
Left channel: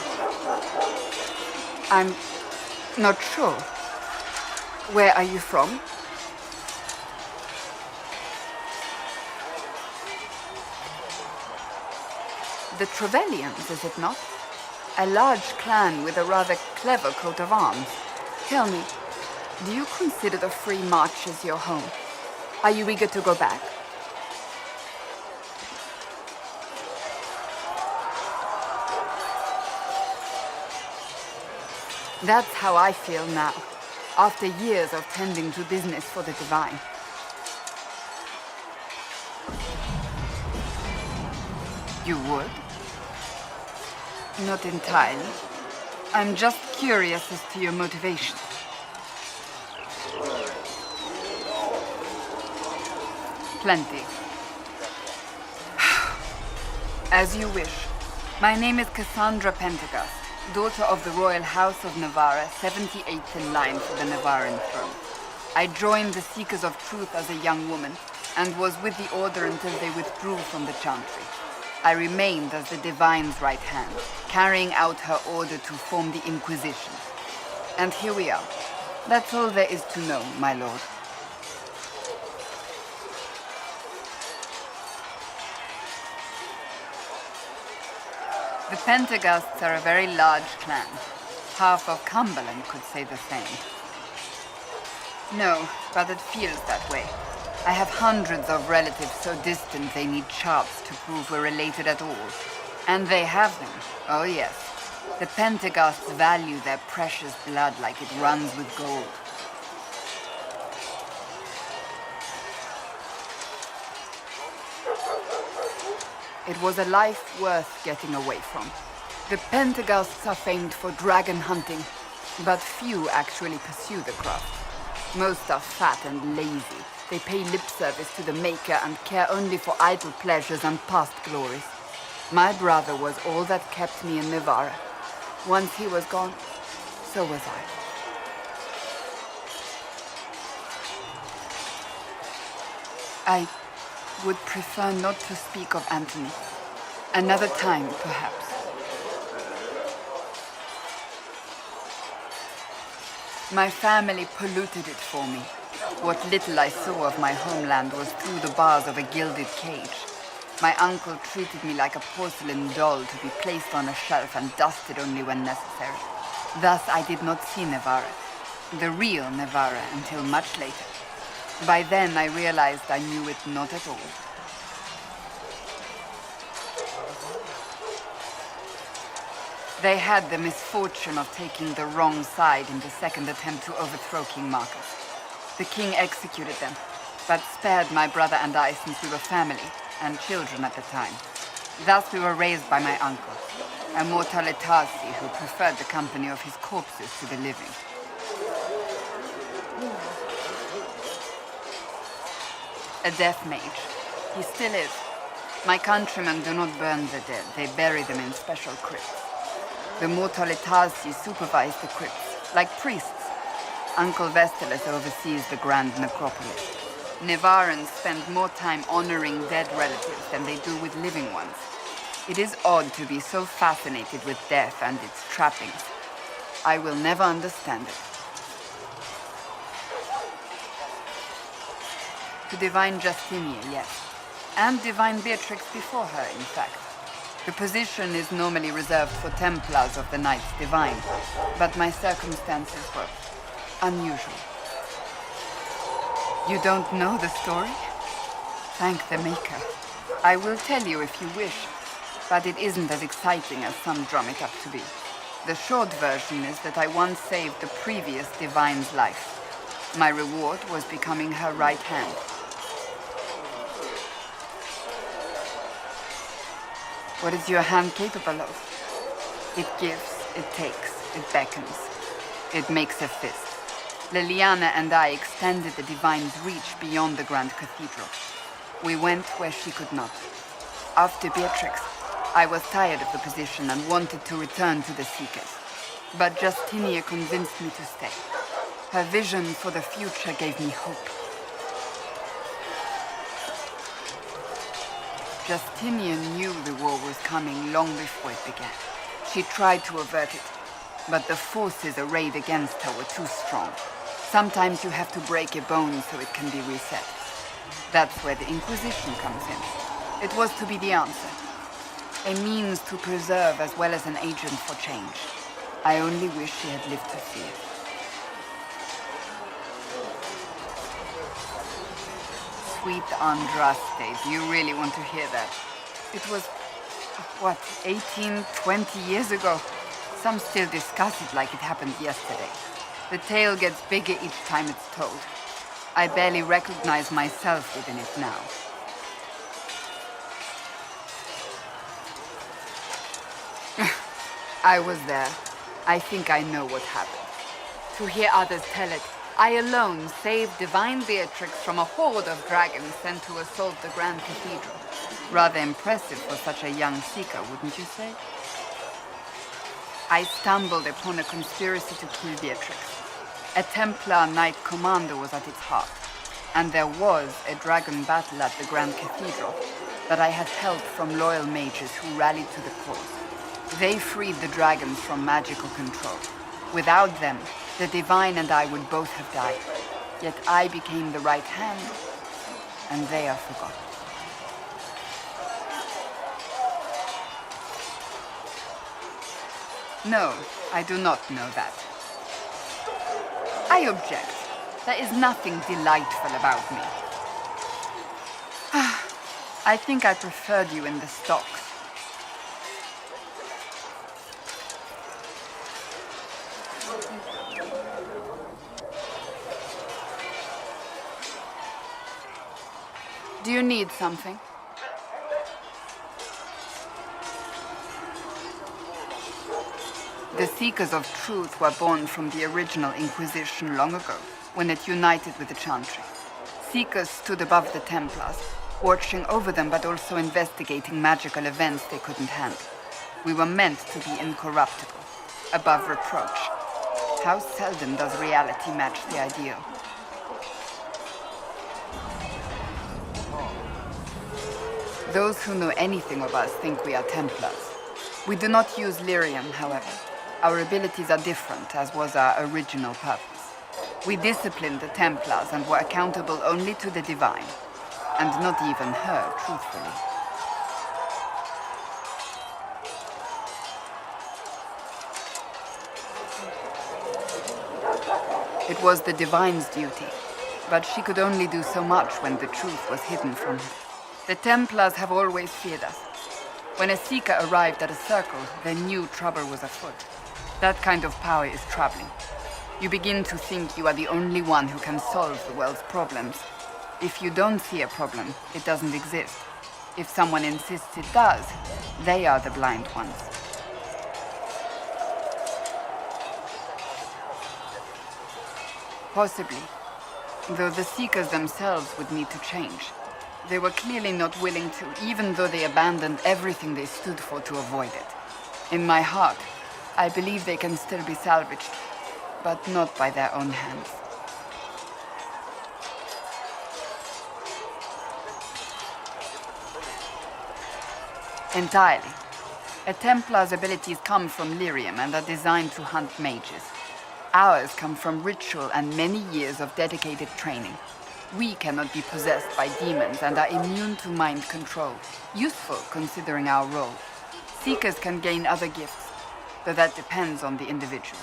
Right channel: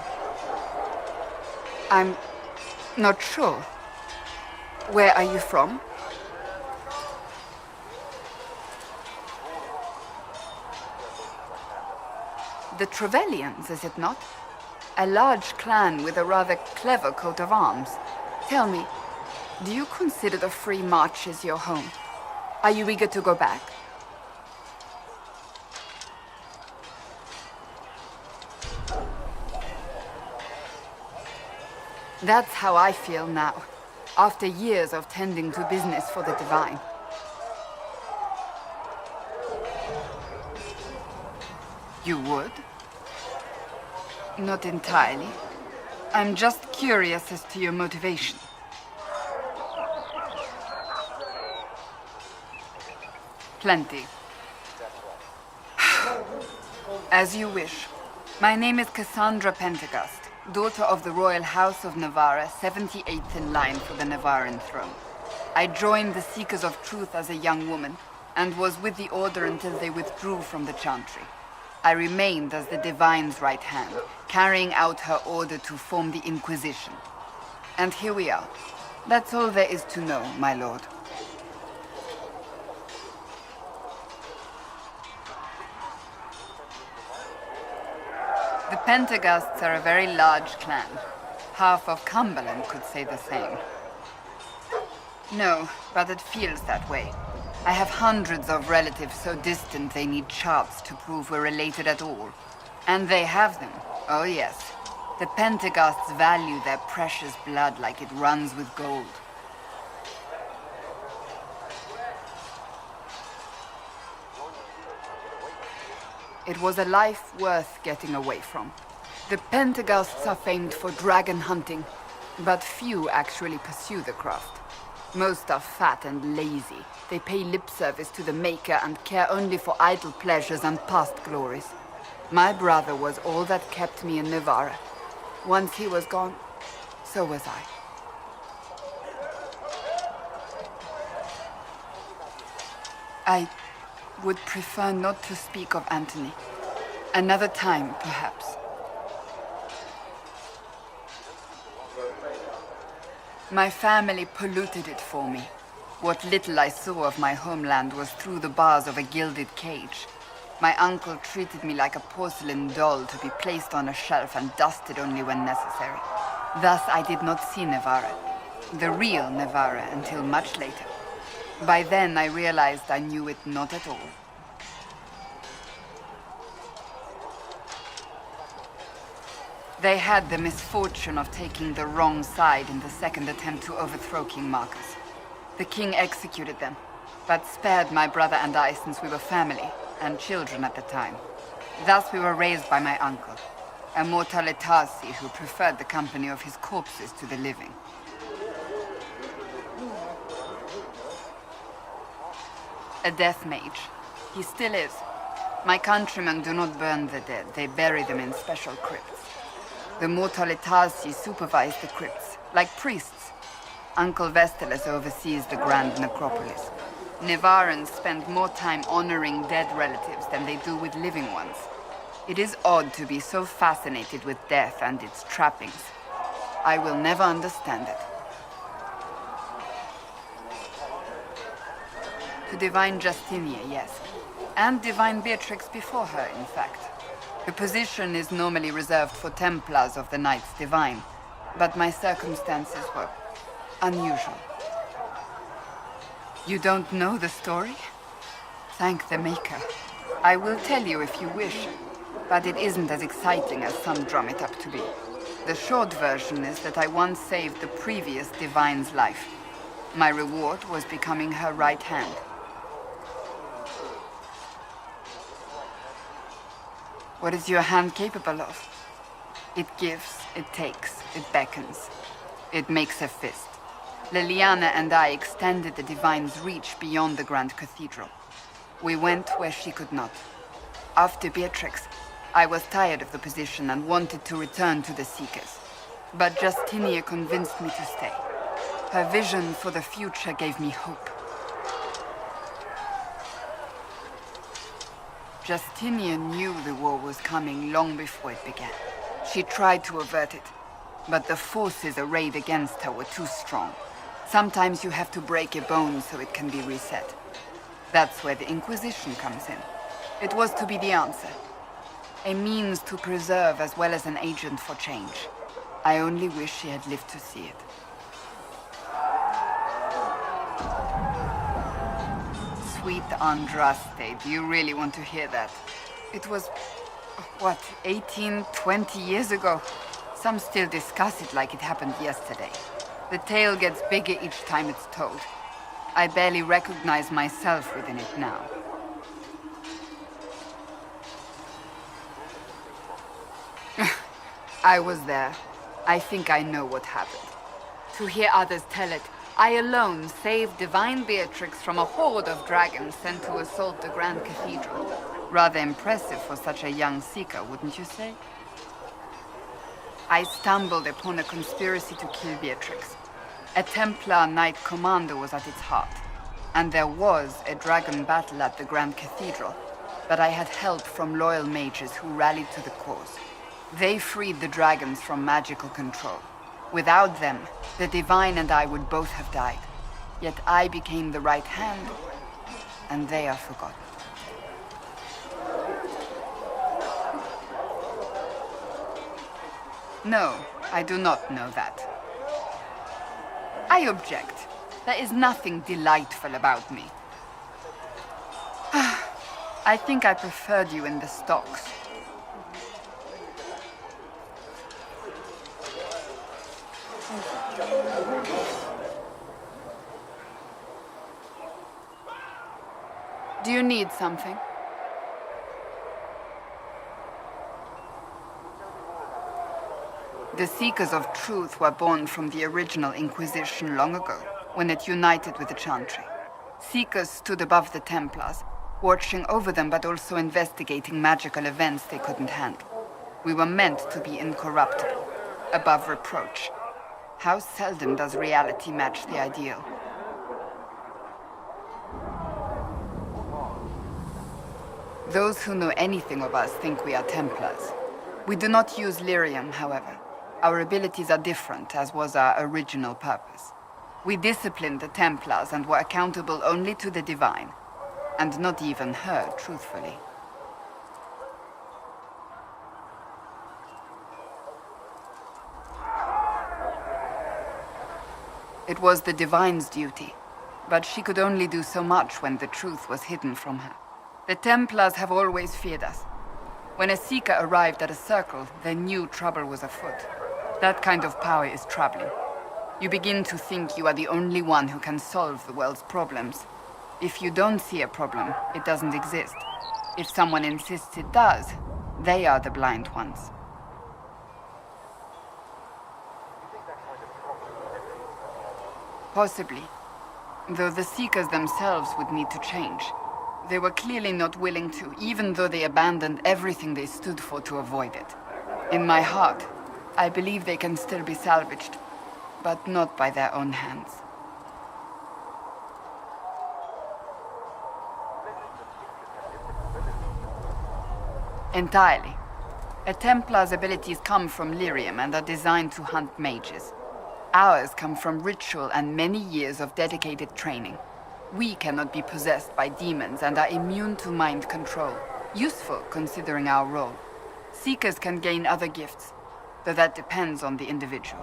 I'm not sure. Where are you from? The Trevellians, is it not? A large clan with a rather clever coat of arms. Tell me, do you consider the Free Marches your home? Are you eager to go back? That's how I feel now, after years of tending to business for the divine. You would? Not entirely. I'm just curious as to your motivation. Plenty. As you wish. My name is Cassandra Pentecost, daughter of the Royal House of Navarra, 78th in line for the Navarran throne. I joined the Seekers of Truth as a young woman, and was with the Order until they withdrew from the Chantry. I remained as the Divine's right hand, carrying out her order to form the Inquisition. And here we are. That's all there is to know, my lord. The Pentecosts are a very large clan. Half of Cumberland could say the same. No, but it feels that way. I have hundreds of relatives so distant they need charts to prove we're related at all. And they have them. Oh yes. The Pentecosts value their precious blood like it runs with gold. It was a life worth getting away from. The Pentecosts are famed for dragon hunting, but few actually pursue the craft. Most are fat and lazy. They pay lip service to the Maker and care only for idle pleasures and past glories. My brother was all that kept me in Navarra. Once he was gone, so was I. I would prefer not to speak of Anthony. Another time, perhaps. My family polluted it for me. What little I saw of my homeland was through the bars of a gilded cage. My uncle treated me like a porcelain doll to be placed on a shelf and dusted only when necessary. Thus I did not see Navarra, the real Navarra, until much later. By then I realized I knew it not at all. They had the misfortune of taking the wrong side in the second attempt to overthrow King Marcus. The king executed them, but spared my brother and I since we were family and children at the time. Thus we were raised by my uncle, a mortalitasi who preferred the company of his corpses to the living. A death mage. He still is. My countrymen do not burn the dead, they bury them in special crypts. The mortalitasi supervise the crypts, like priests. Uncle Vestalis oversees the Grand Necropolis. Nevarans spend more time honoring dead relatives than they do with living ones. It is odd to be so fascinated with death and its trappings. I will never understand it. To Divine Justinia, yes. And Divine Beatrix before her, in fact. The position is normally reserved for Templars of the Knights Divine, but my circumstances were unusual. You don't know the story? Thank the Maker. I will tell you if you wish, but it isn't as exciting as some drum it up to be. The short version is that I once saved the previous Divine's life. My reward was becoming her right hand. What is your hand capable of? It gives, it takes, it beckons. It makes a fist. Liliana and I extended the Divine's reach beyond the Grand Cathedral. We went where she could not. After Beatrix, I was tired of the position and wanted to return to the Seekers. But Justinia convinced me to stay. Her vision for the future gave me hope. Justinia knew the war was coming long before it began. She tried to avert it, but the forces arrayed against her were too strong. Sometimes you have to break a bone so it can be reset. That's where the Inquisition comes in. It was to be the answer. A means to preserve as well as an agent for change. I only wish she had lived to see it. Sweet Andraste, do you really want to hear that? It was, what, 18, 20 years ago? Some still discuss it like it happened yesterday. The tale gets bigger each time it's told. I barely recognize myself within it now. I was there. I think I know what happened. To hear others tell it, I alone saved Divine Beatrix from a horde of dragons sent to assault the Grand Cathedral. Rather impressive for such a young seeker, wouldn't you say? I stumbled upon a conspiracy to kill Beatrix. A Templar Knight Commander was at its heart, and there was a dragon battle at the Grand Cathedral, but I had help from loyal mages who rallied to the cause. They freed the dragons from magical control. Without them, the Divine and I would both have died. Yet I became the right hand, and they are forgotten. No, I do not know that. I object. There is nothing delightful about me. I think I preferred you in the stocks. Do you need something? The Seekers of Truth were born from the original Inquisition long ago, when it united with the Chantry. Seekers stood above the Templars, watching over them but also investigating magical events they couldn't handle. We were meant to be incorruptible, above reproach. How seldom does reality match the ideal? Those who know anything of us think we are Templars. We do not use lyrium, however. Our abilities are different, as was our original purpose. We disciplined the Templars and were accountable only to the Divine. And not even her, truthfully. It was the Divine's duty, but she could only do so much when the truth was hidden from her. The Templars have always feared us. When a Seeker arrived at a circle, they knew trouble was afoot. That kind of power is troubling. You begin to think you are the only one who can solve the world's problems. If you don't see a problem, it doesn't exist. If someone insists it does, they are the blind ones. Possibly. Though the Seekers themselves would need to change. They were clearly not willing to, even though they abandoned everything they stood for to avoid it. In my heart, I believe they can still be salvaged. but not by their own hands. Entirely. A Templar's abilities come from lyrium and are designed to hunt mages. Ours come from ritual and many years of dedicated training. We cannot be possessed by demons and are immune to mind control. Useful considering our role. Seekers can gain other gifts, though that depends on the individual.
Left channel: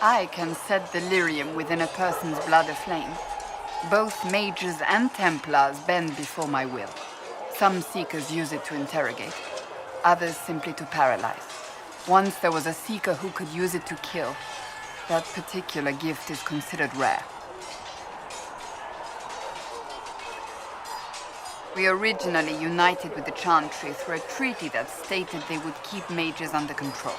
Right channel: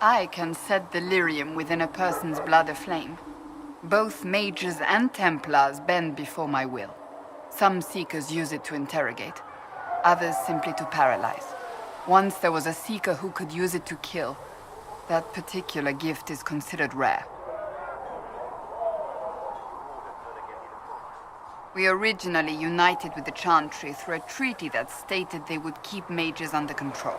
I can set the lyrium within a person's blood aflame. Both mages and Templars bend before my will. Some Seekers use it to interrogate, others simply to paralyze. Once there was a Seeker who could use it to kill. That particular gift is considered rare. We originally united with the Chantry through a treaty that stated they would keep mages under control.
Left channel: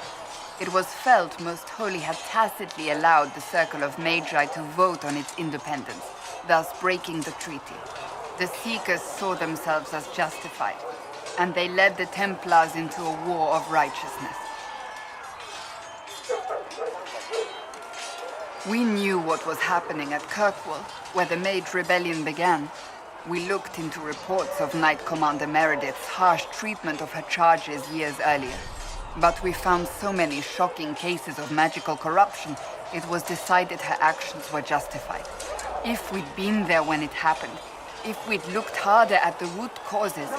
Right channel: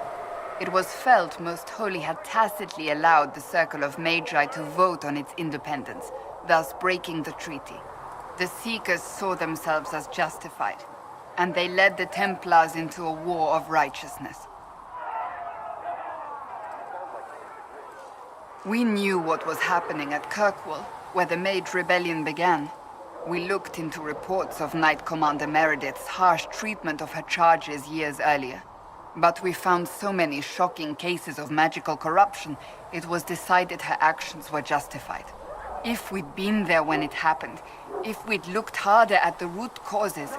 It was felt Most Holy had tacitly allowed the Circle of Magi to vote on its independence, thus breaking the treaty. The Seekers saw themselves as justified, and they led the Templars into a war of righteousness. We knew what was happening at Kirkwall, where the Mage Rebellion began. We looked into reports of Knight Commander Meredith's harsh treatment of her charges years earlier. But we found so many shocking cases of magical corruption, it was decided her actions were justified. If we'd been there when it happened, if we'd looked harder at the root causes...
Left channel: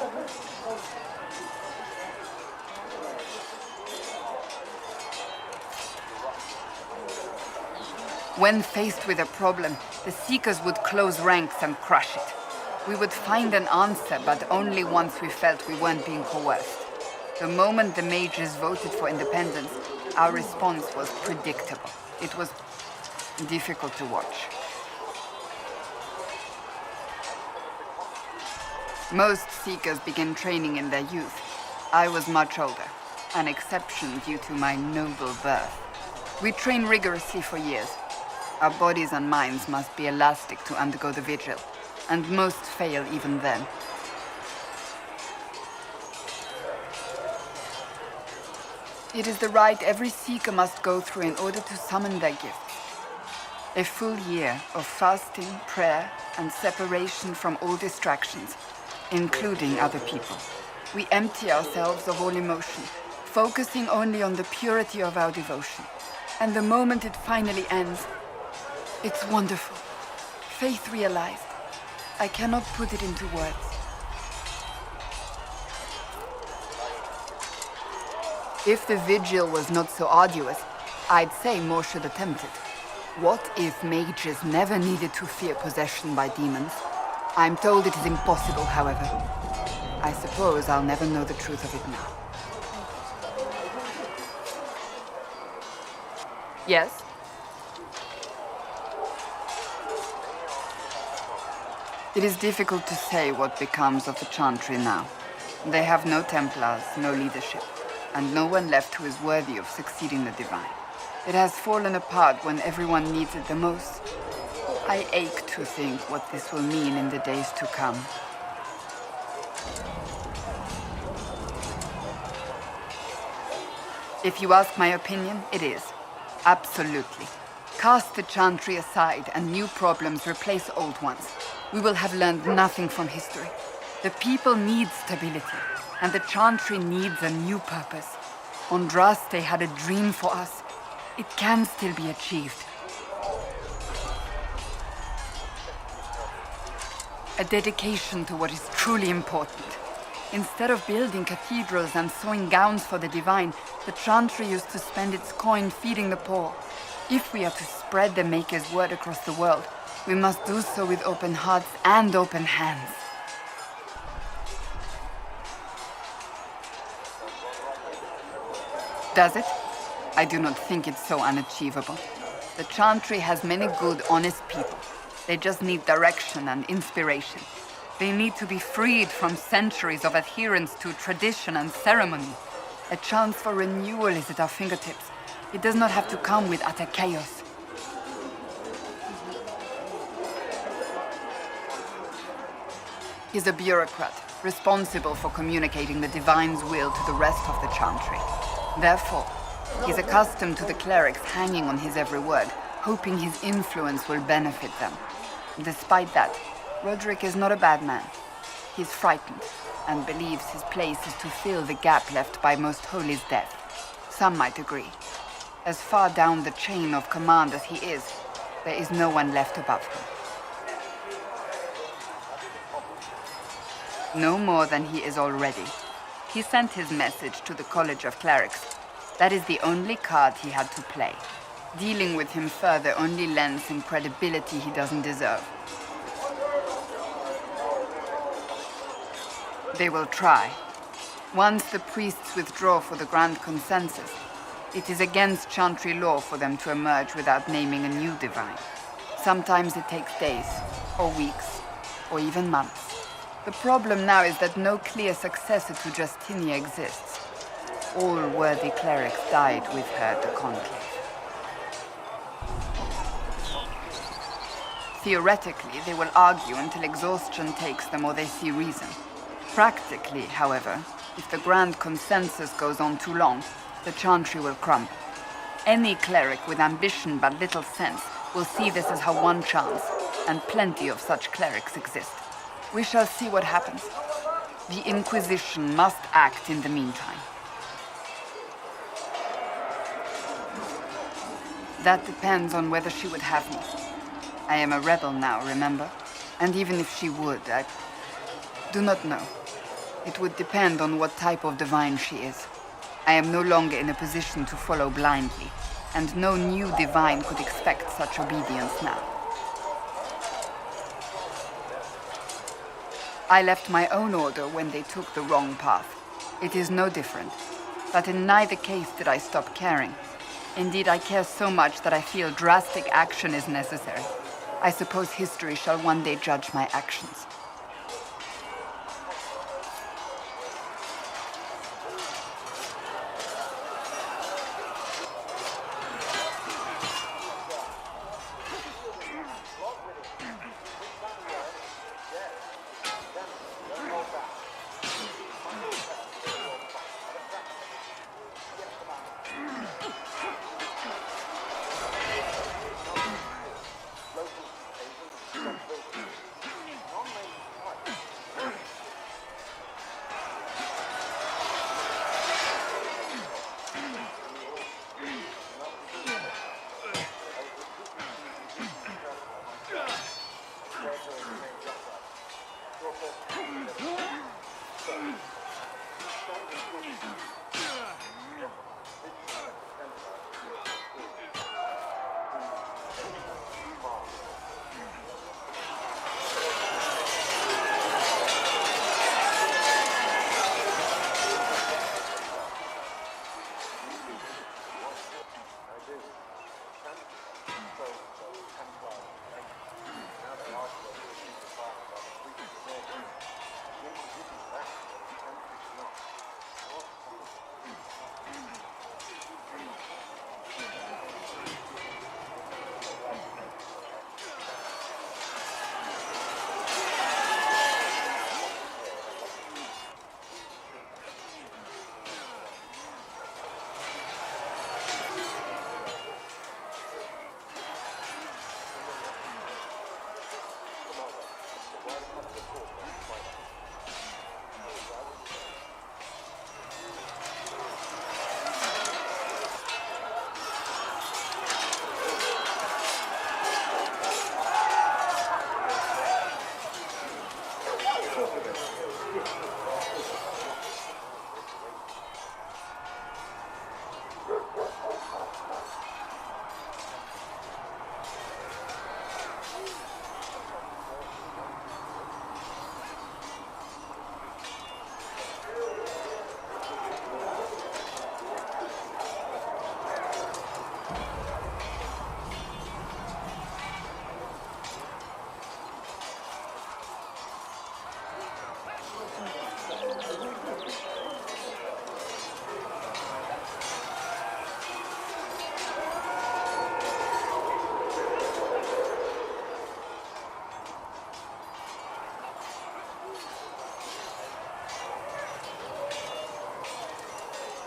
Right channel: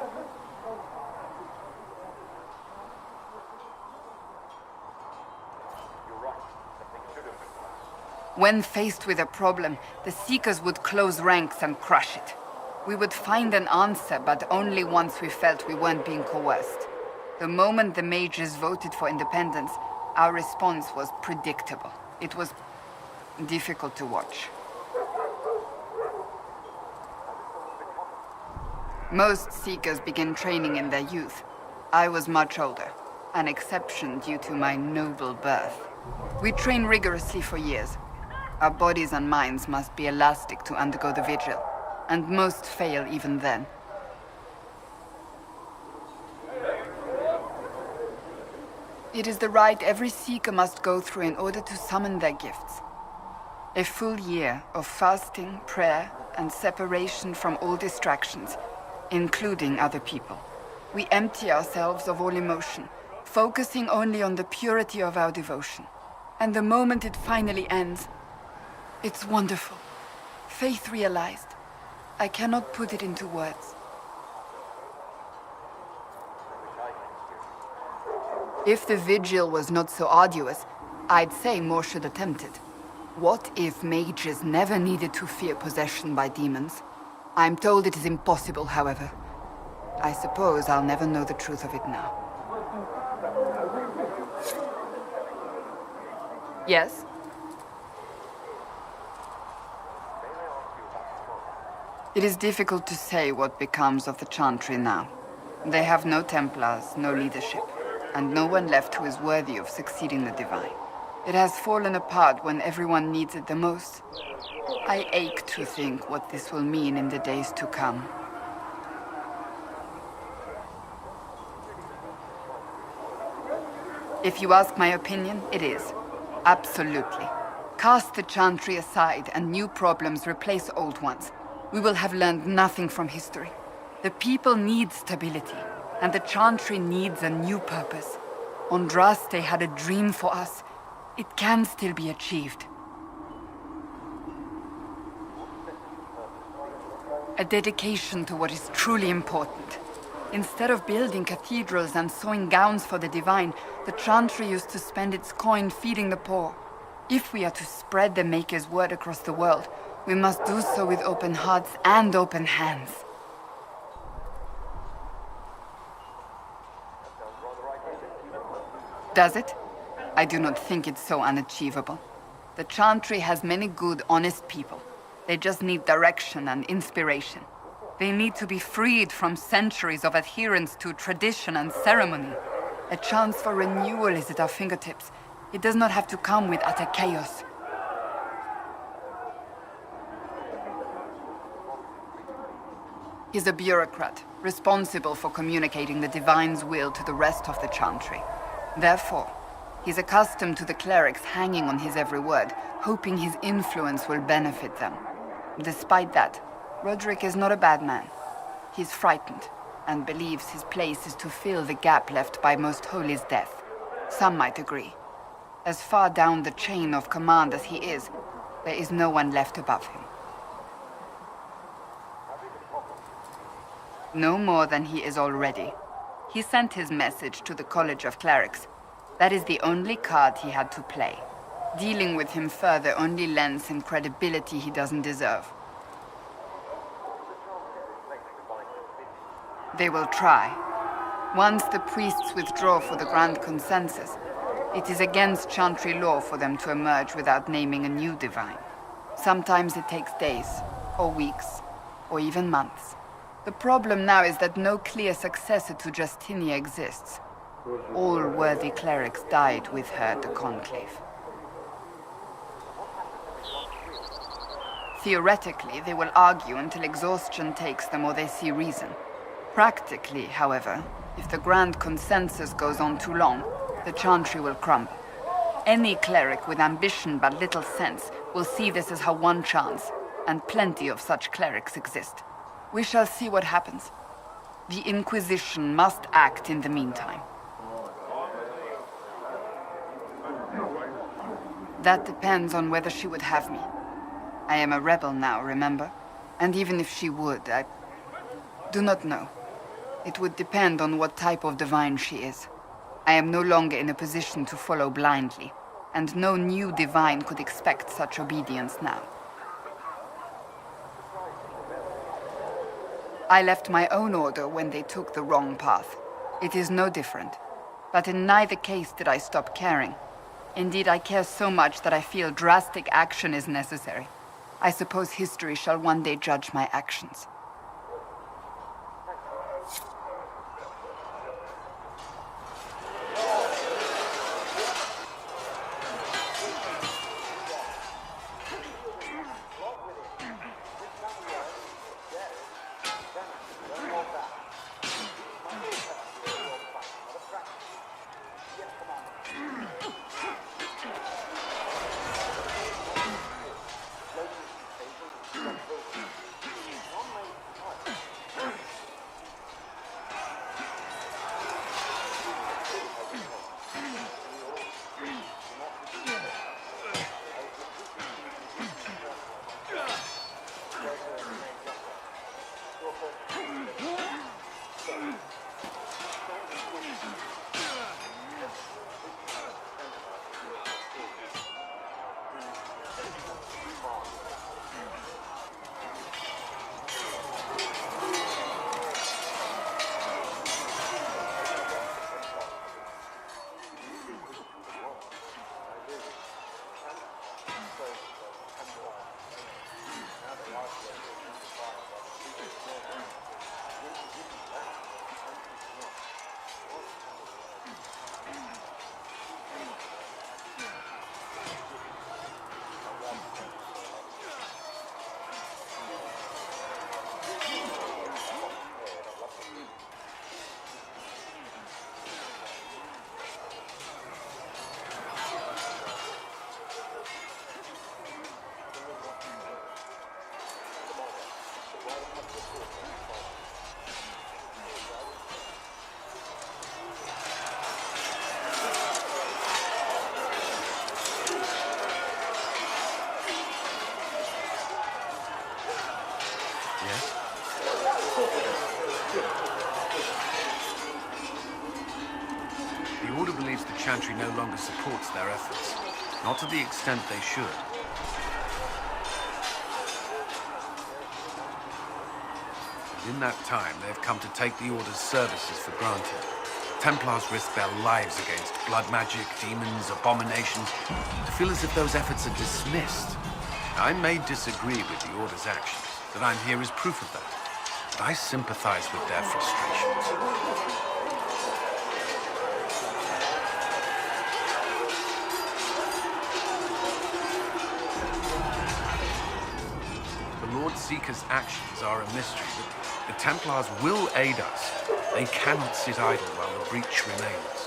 When faced with a problem, the Seekers would close ranks and crush it. We would find an answer, but only once we felt we weren't being coerced. The moment the mages voted for independence, our response was predictable. It was difficult to watch. Most Seekers begin training in their youth. I was much older, an exception due to my noble birth. We train rigorously for years. Our bodies and minds must be elastic to undergo the vigil, and most fail even then. It is the rite every Seeker must go through in order to summon their gifts. A full year of fasting, prayer, and separation from all distractions, including other people. We empty ourselves of all emotion, focusing only on the purity of our devotion. And the moment it finally ends, it's wonderful. Faith realized. I cannot put it into words. If the vigil was not so arduous, I'd say more should attempt it. What if mages never needed to fear possession by demons? I'm told it is impossible, however. I suppose I'll never know the truth of it now. Yes? It is difficult to say what becomes of the Chantry now. They have no Templars, no leadership, and no one left who is worthy of succeeding the Divine. It has fallen apart when everyone needs it the most. I ache to think what this will mean in the days to come. If you ask my opinion, it is. Absolutely. Cast the Chantry aside and new problems replace old ones. We will have learned nothing from history. The people need stability, and the Chantry needs a new purpose. Andraste had a dream for us. It can still be achieved. A dedication to what is truly important. Instead of building cathedrals and sewing gowns for the Divine, the Chantry used to spend its coin feeding the poor. If we are to spread the Maker's word across the world, we must do so with open hearts and open hands. Does it? I do not think it's so unachievable. The Chantry has many good, honest people. They just need direction and inspiration. They need to be freed from centuries of adherence to tradition and ceremony. A chance for renewal is at our fingertips. It does not have to come with utter chaos. He's a bureaucrat, responsible for communicating the Divine's will to the rest of the Chantry. Therefore, he's accustomed to the clerics hanging on his every word, hoping his influence will benefit them. Despite that, Roderick is not a bad man. He's frightened, and believes his place is to fill the gap left by Most Holy's death. Some might agree. As far down the chain of command as he is, there is no one left above him. No more than he is already. He sent his message to the College of Clerics. That is the only card he had to play. Dealing with him further only lends him credibility he doesn't deserve. They will try. Once the priests withdraw for the Grand Consensus, it is against Chantry law for them to emerge without naming a new divine. Sometimes it takes days, or weeks, or even months. The problem now is that no clear successor to Justinia exists. All worthy clerics died with her at the Conclave. Theoretically, they will argue until exhaustion takes them or they see reason. Practically, however, if the Grand Consensus goes on too long, the Chantry will crumble. Any cleric with ambition but little sense will see this as her one chance, and plenty of such clerics exist. We shall see what happens. The Inquisition must act in the meantime. That depends on whether she would have me. I am a rebel now, remember? And even if she would, I do not know. It would depend on what type of divine she is. I am no longer in a position to follow blindly, and no new divine could expect such obedience now. I left my own order when they took the wrong path. It is no different. But in neither case did I stop caring. Indeed, I care so much that I feel drastic action is necessary. I suppose history shall one day judge my actions. Chantry no longer supports their efforts. Not to the extent they should. In that time, they've come to take the Order's services for granted. Templars risk their lives against blood magic, demons, abominations. I feel as if those efforts are dismissed. I may disagree with the Order's actions, but I'm here as proof of that. I sympathize with their frustration. Seeker's actions are a mystery. The Templars will aid us. They cannot sit idle while the breach remains.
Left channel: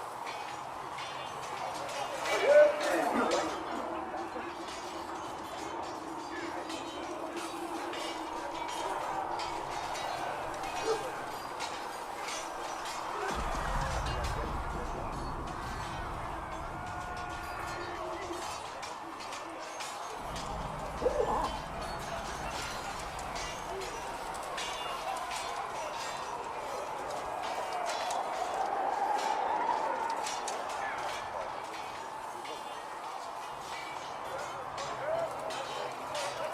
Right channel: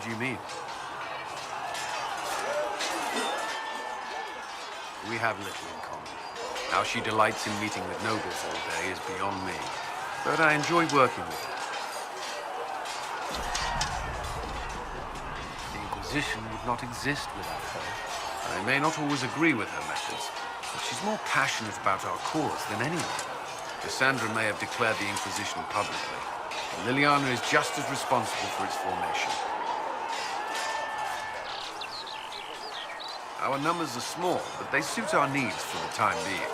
What do you mean? We have little in common. How she delights in meeting with nobles all day is beyond me. But I enjoy working with her. The Inquisition would not exist without her. I may not always agree with her methods. She's more passionate about our cause than anyone. Cassandra may have declared the Inquisition publicly. Liliana is just as responsible for its formation. Our numbers are small, but they suit our needs for the time being.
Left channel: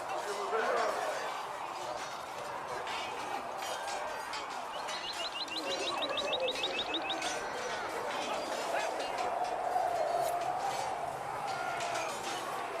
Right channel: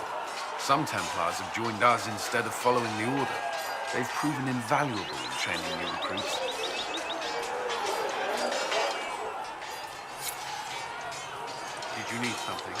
Some Templars have joined us instead of following the Order. They've proven invaluable in training new recruits. Did you need something?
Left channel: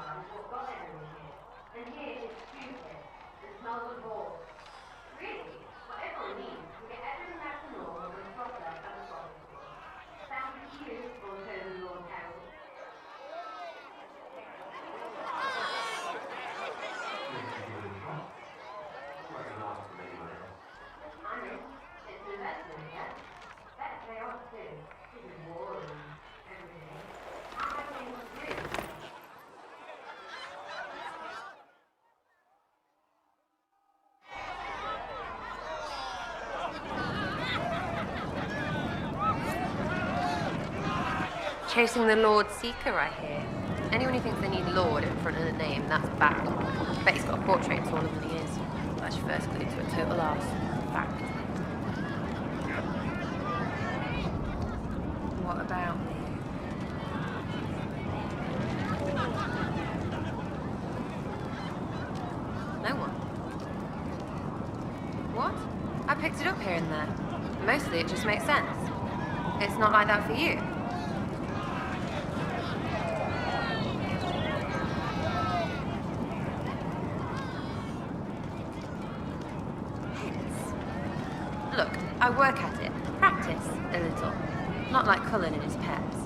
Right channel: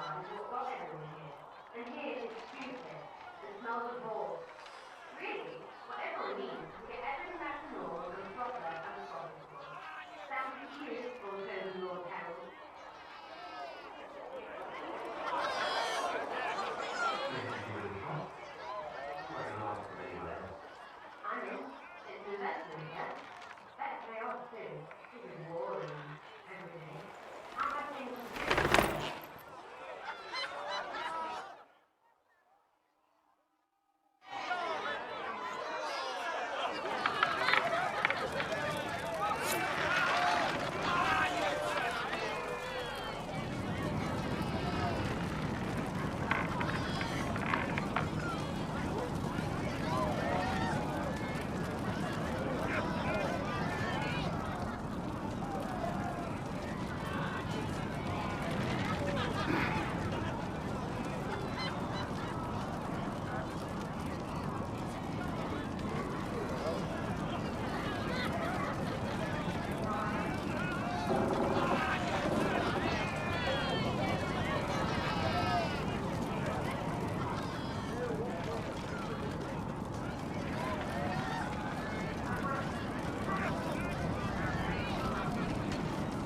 blood is what got everyone here. And here it's stupid. It smells of horse. Really, whatever it means, we get everything back to normal and proper as possible. Sounds cute for the Lord Harold. I mean, it's an investment, yeah? Better pay off too. This is war and everything. I have things to do. Chasing the Lord Seeker right here. Anyone who thinks they need Lord in front of the name, that's bad. I bet he's got a portrait of all of what he is. That's your first clue to October last. Fact. What about? No one? What? I picked it up here and there. Mostly it just makes sense. It's not like that for you. I work at it, practice a little. Not like Cullen and his pets.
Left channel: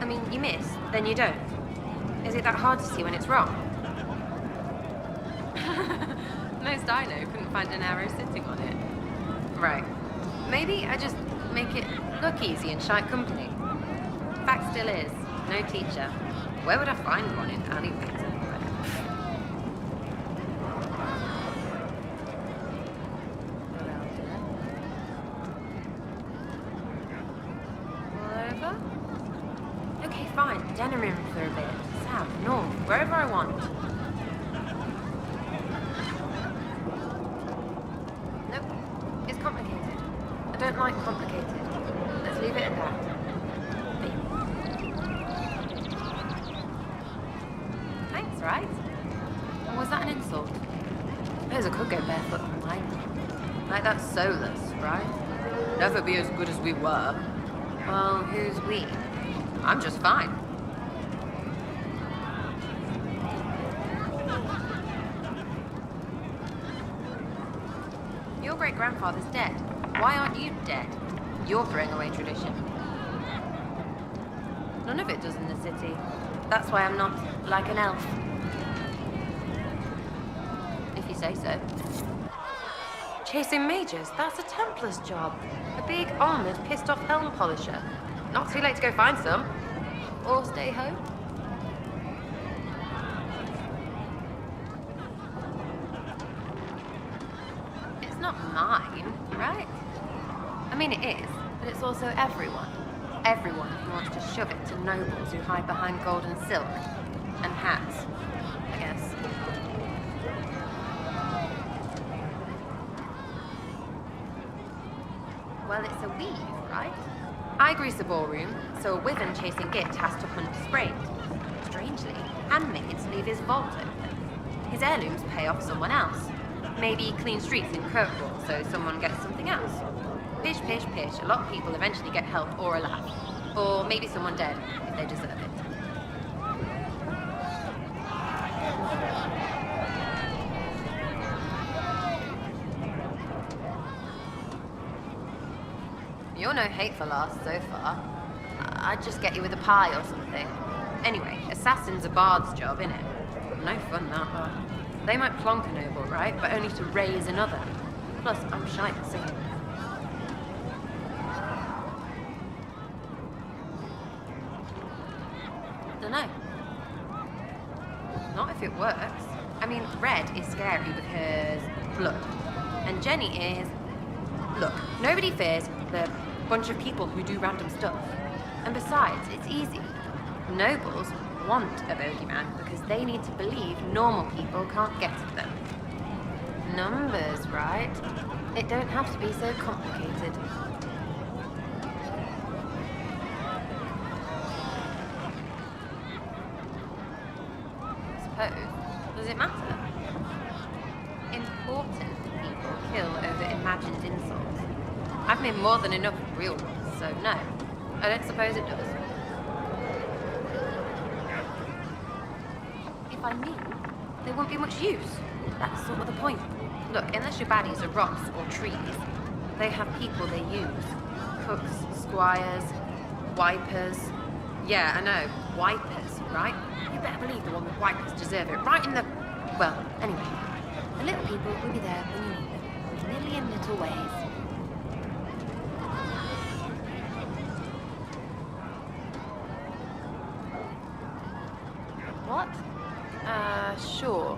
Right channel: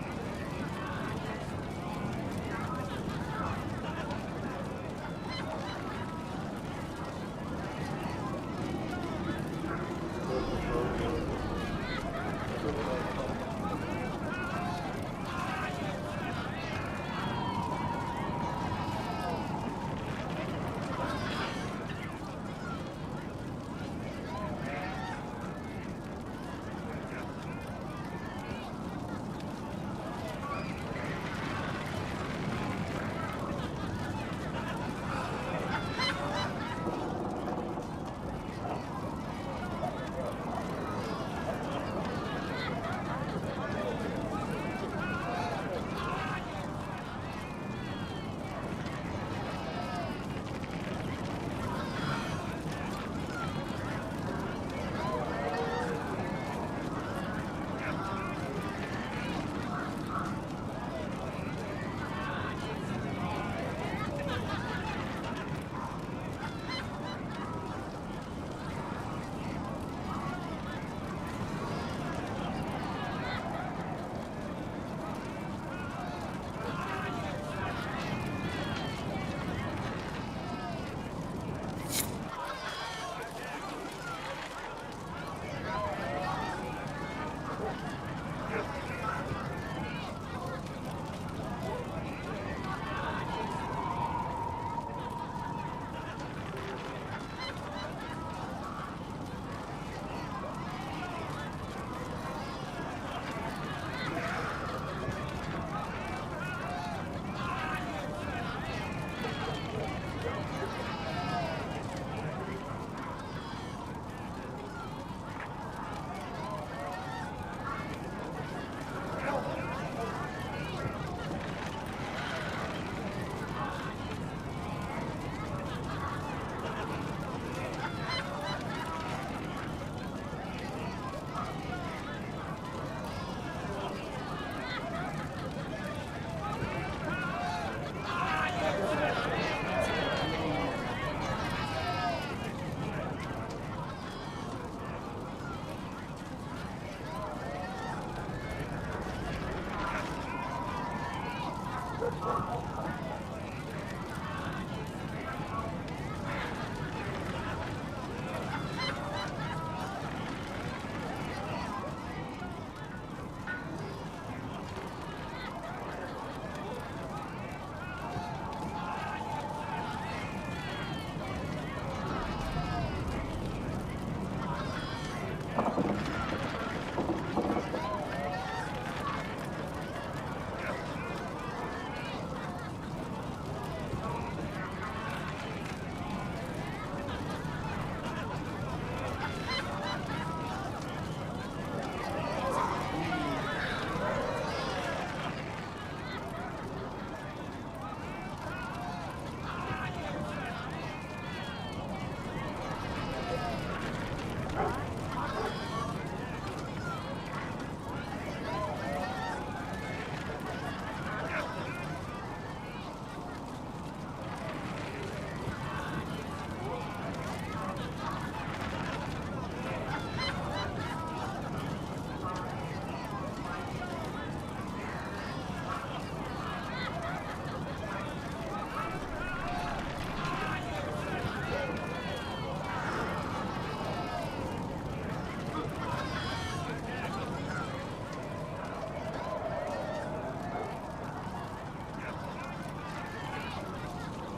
I mean, you miss, then you don't. Is it that hard to see when it's wrong? Most I know couldn't find an arrow sitting on it. Right. Maybe I just make it look easy and shite company. Fact still is, no teacher. Where would I find one in Halifax? Wherever I want. Nope. It's complicated. I don't like complicated. Let's leave it at that. Thanks, right? Was that an insult? Suppose I could go barefoot from like that's soulless, right? Never be as good as we were. Well, who's we? I'm just fine. Grandfather's dead. Why aren't you dead? You're throwing away tradition. None of it does in the city. That's why I'm not like an elf. If you say so. Chasing mages, that's a Templar's job. A big, armoured, pissed off helm polisher. Not too late to go find some. Or stay home. Mine, right? I mean, it is, but it's also everyone. Everyone who wants to shove it to numbers who hide behind gold and silk. And hats. Yes. Well, it's a weave, right? I grease the ballroom, so a wyvern chasing gift has to hunt sprayed. Strangely, handmaids leave his vault. His heirlooms pay off someone else. Maybe clean streets in Cove, so someone gets something else. Pish, pish, pish. A lot of people eventually get help or a laugh. Or maybe someone dead. They deserve it. You're no hateful ass so far. I'd just get you with a pie or something. Anyway, assassin's a bard's job, innit? No fun, that. They might plonk a noble, right? But only to raise another. Plus, I'm shy to say. I don't know. Not if it works. I mean, Red is scary because look. And Jenny is look. Nobody fears the bunch of people who do random stuff. And besides, it's easy. Nobles want a bogeyman because they need to believe normal people can't get to them. Numbers, right? It don't have to be so complicated. Suppose. Does it matter? Important people kill over imagined insults. I've made more than enough of real ones, so no. I don't suppose it does. I mean. They won't be much use. That's sort of the point. Look, unless your baddies are rocks or trees, they have people they use. Cooks, squires, wipers. Yeah, I know. Wipers, right? Damn me, the wipers deserve it. Right in the... Well, anyway. The little people will be there in million little ways. What? Sure.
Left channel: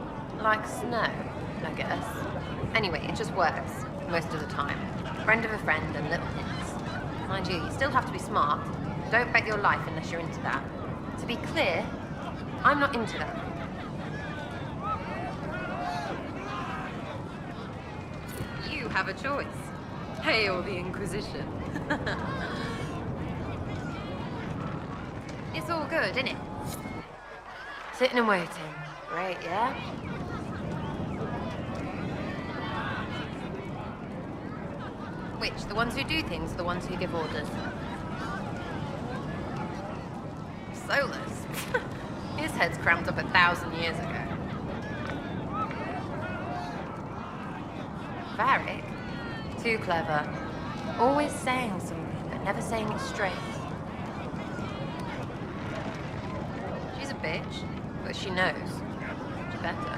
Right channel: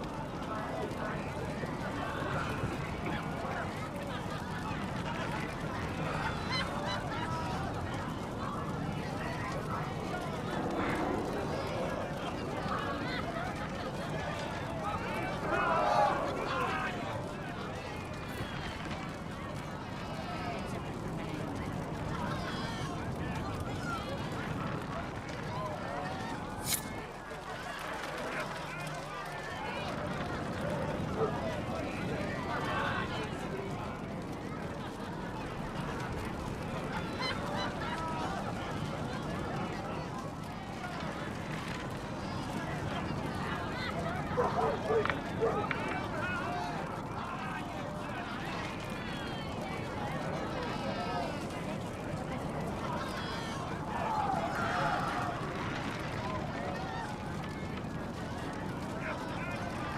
Like snow, I guess. Anyway, it just works. Most of the time. Friend of a friend and little things. Mind you, you still have to be smart. Don't bet your life unless you're into that. To be clear, I'm not into them. You have a choice. Hail the Inquisition. It's all good, isn't it? Sitting and waiting. Great, yeah? Which? The ones who do things or the ones who give orders? Solus. His head's cramped up 1,000 years ago. Very. Too clever. Always saying something, but never saying it straight. She's a bitch, but she knows. Better.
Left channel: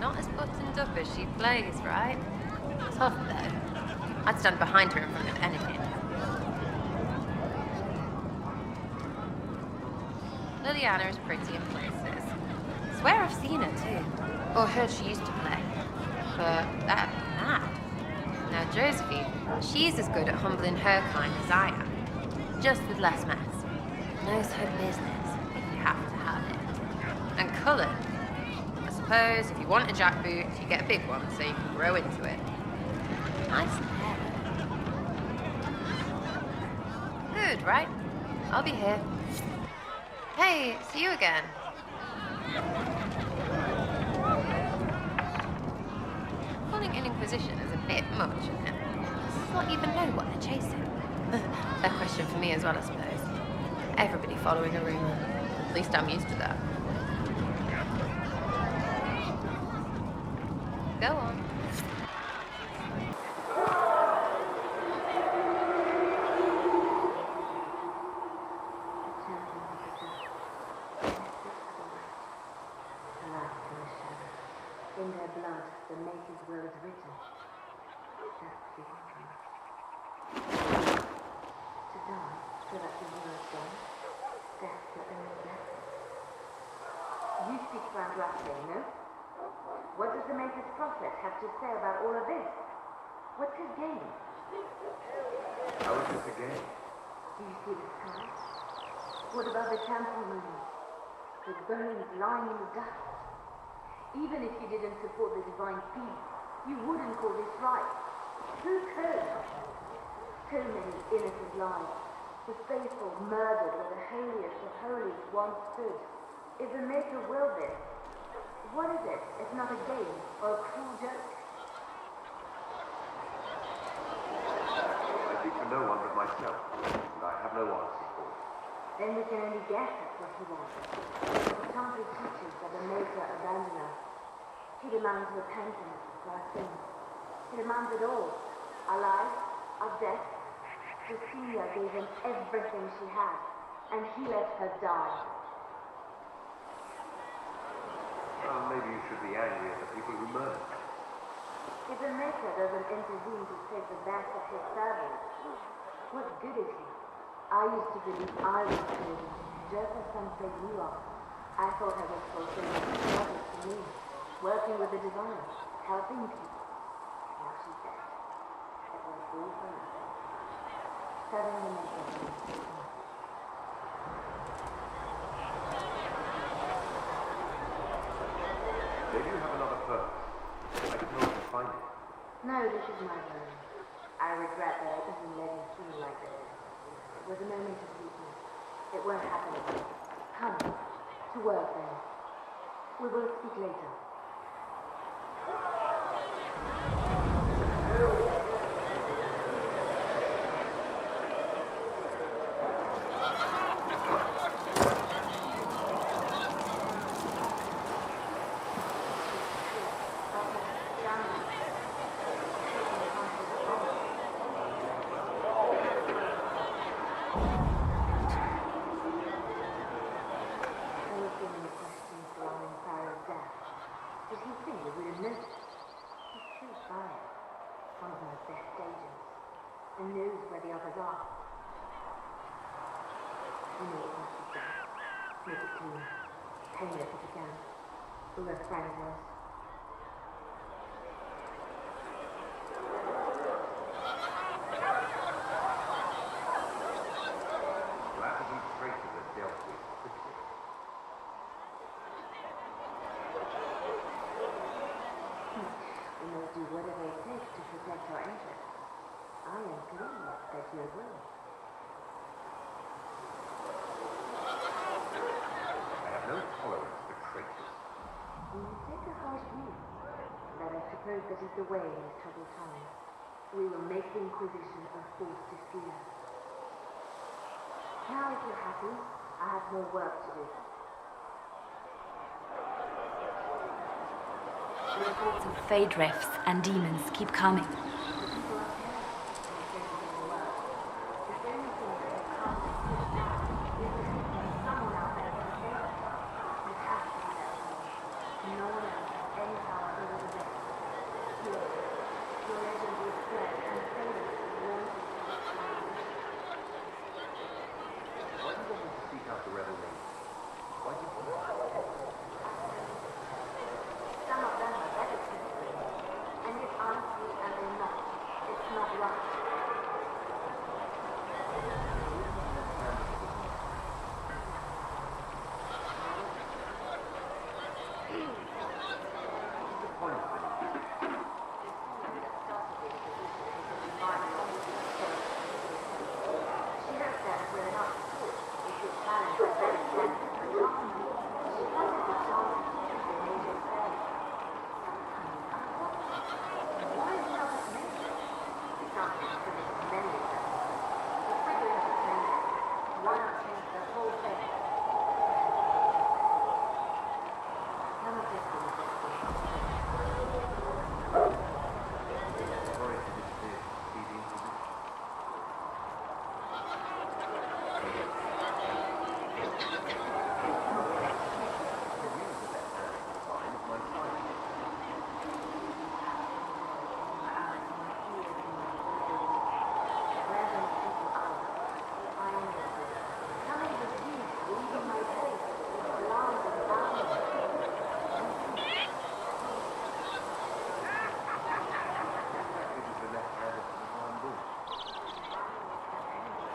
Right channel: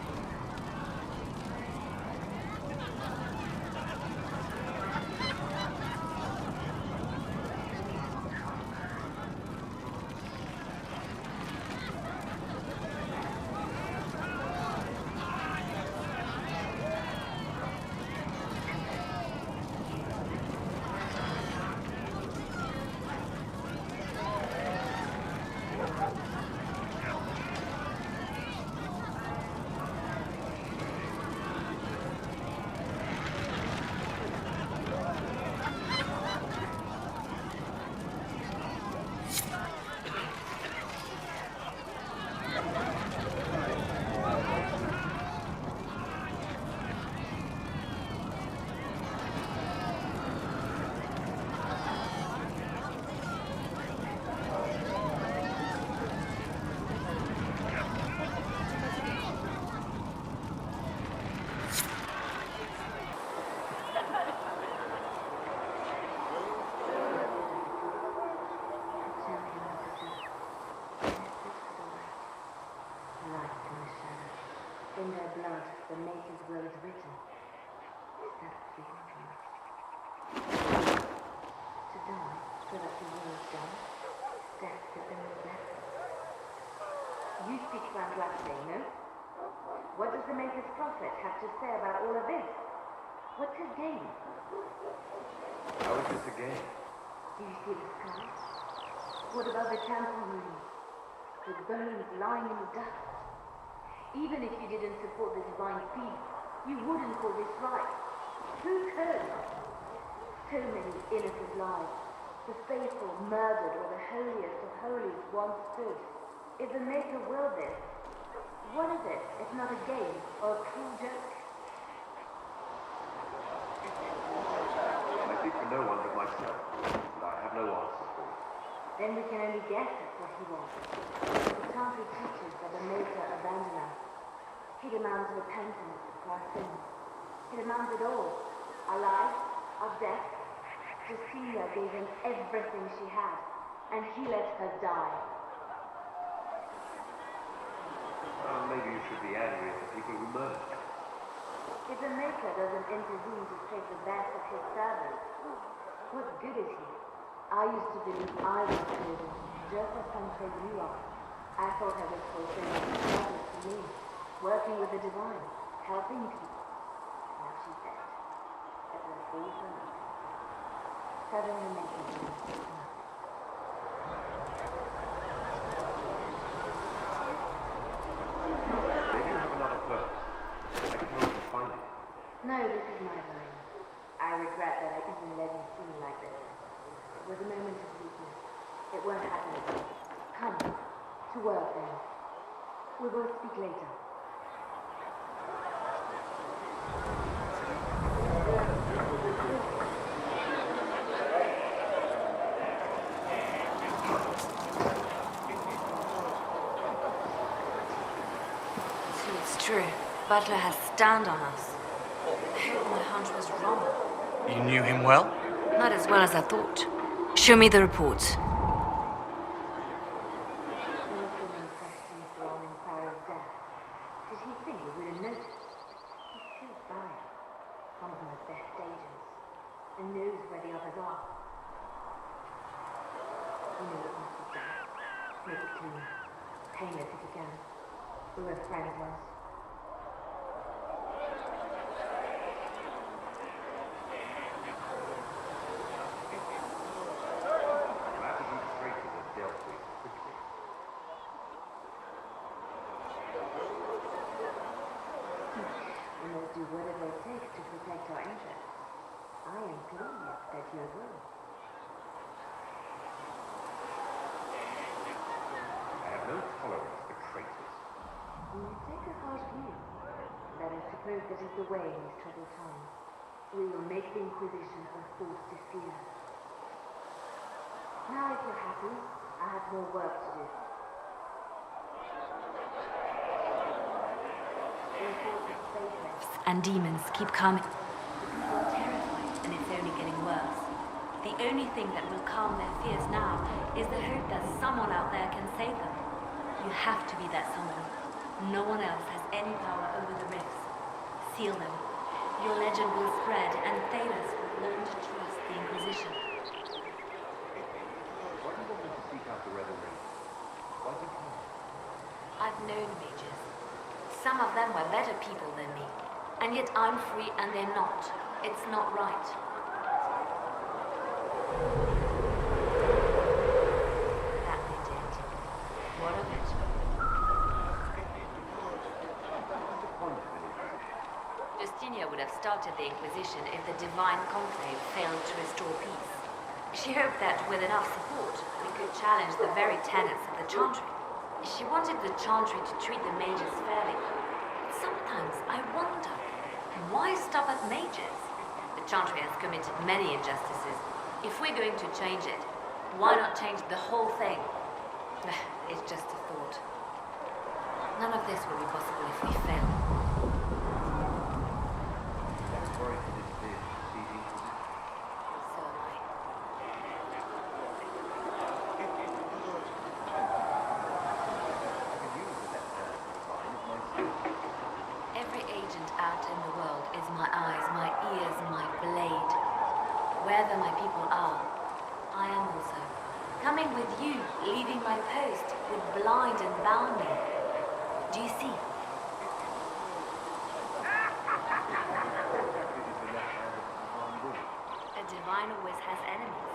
Not as buttoned up as she plays, right? Tough though. I'd stand behind her in front of anything. Liliana is pretty and princess. Swear I've seen her too. Or heard she used to play. But that. Now Josephine, she's as good at humbling her kind as I am. Just with less mess. Knows her business. You have to have it. And colour. I suppose if you want a jackboot, you get a big one so you can grow into it. Nice. Good, right? I'll be here. Hey, see you again. Calling an Inquisition is a bit much of him. Not even know what I'm chasing. A question for me as well, I suppose. Everybody following the ring. At least I'm used to that. Go on. In their blood, the Maker's will is written. That's the dream. To die, so that the will is done. That's the only blessing. You speak Andraste, no? What does the Maker's prophet have to say about all of this? What's his game? How is this a game? Do you see the sky? What about the temple ruins? The bones lying in the dust? Even if you didn't support the divine feast, you wouldn't call this right. Who could? So many innocent lives. The faithful murdered where the holiest of holies once stood. If the Maker willed this, what is it if not a game or a cruel joke? I speak for no one but myself, and I have no answers for it. Then we can only guess at what he wants. The Chantry teaches that the Maker abandoned us. He demands repentance for our sins. He demands it all. Our lives, our death. Cecilia gave him everything she had, and he let her die. Well, maybe you should be angry at the people who murdered her. If the Maker doesn't intervene to save the best of his servants, what good is he? I used to believe I was good, just as some say you are. I thought I was fulfilling the service to me, working with the divine, helping people. Now she's dead. It was all for nothing. Serving the Maker. Maybe you have another purpose. I can help you find it. No, this is my home. I regret that I even let you feel like this. It was a moment of weakness. It won't happen again. Come, to work then. We will speak later. butler has stand on us. The hunch was wrong. You knew him well? Not as well as I thought. Show me the reports. There was so many questions surrounding Farah's death. Did he think we would have noticed? He killed Farah, one of my best agents, and knows where the others are. You know what must be done. Make it clean. Painless if you can. Whoever friend was. Matters and traitors are dealt with quickly. We must do whatever it takes to protect our interests. I am pleased that you agree. I have no tolerance for traitors. When you take a harsh view, that I suppose that is the way in these troubled times. We will make the Inquisition a force to fear. Now, if you're happy, I have more work to do. The reports of fade rifts and demons keep coming. The people are terrified, and it's only getting worse. The only thing that will calm their fears now is the hope that someone out there can save them. You have to be that someone. No one else has any power over the rifts. Seal them. Your legend will spread, and Thedas will want to trust the Inquisition. Why do you want me to seek out the rebel lady? Why do you care? I've known mages. Some of them were better people than me. And yet I'm free and they're not. It's not right. Justinia would have started the Inquisition if the Divine Conclave failed to restore peace. She hoped that with enough support, we could challenge the very tenets of the Chantry. She wanted the Chantry to treat the mages fairly. Sometimes I wonder, why stop at mages? The Chantry has committed many injustices. If we're going to change it, why not change the whole thing? It's just a thought. None of this will be possible if we fail. Sorry to disappear. See the Inquisition. Every agent out in the world is my eyes, my ears, my blade. Wherever my people are, I am also. Coming with you, leaving my post, with blind and bounding. Do you see? A divine always has enemies.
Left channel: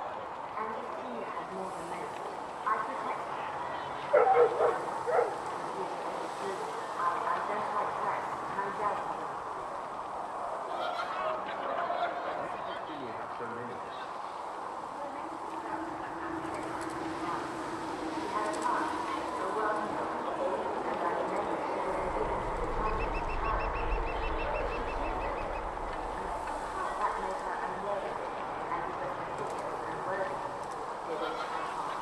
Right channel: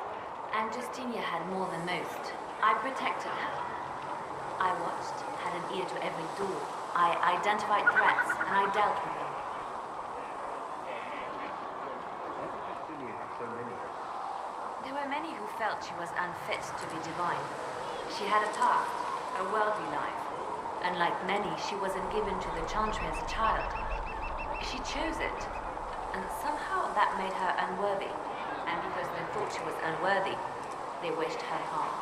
And Justinia had more than most. I protected her. I watched, had an ear to every door. I identified threats, and I dealt with them. Why did Justinia have so many? There were many who felt she was unfit to be divine. She had a past, a worldly life, and like many, she wasn't given to the Chantry as a child. She chose it, and somehow that made her unworthy. And because they thought she was unworthy, they wished her harm.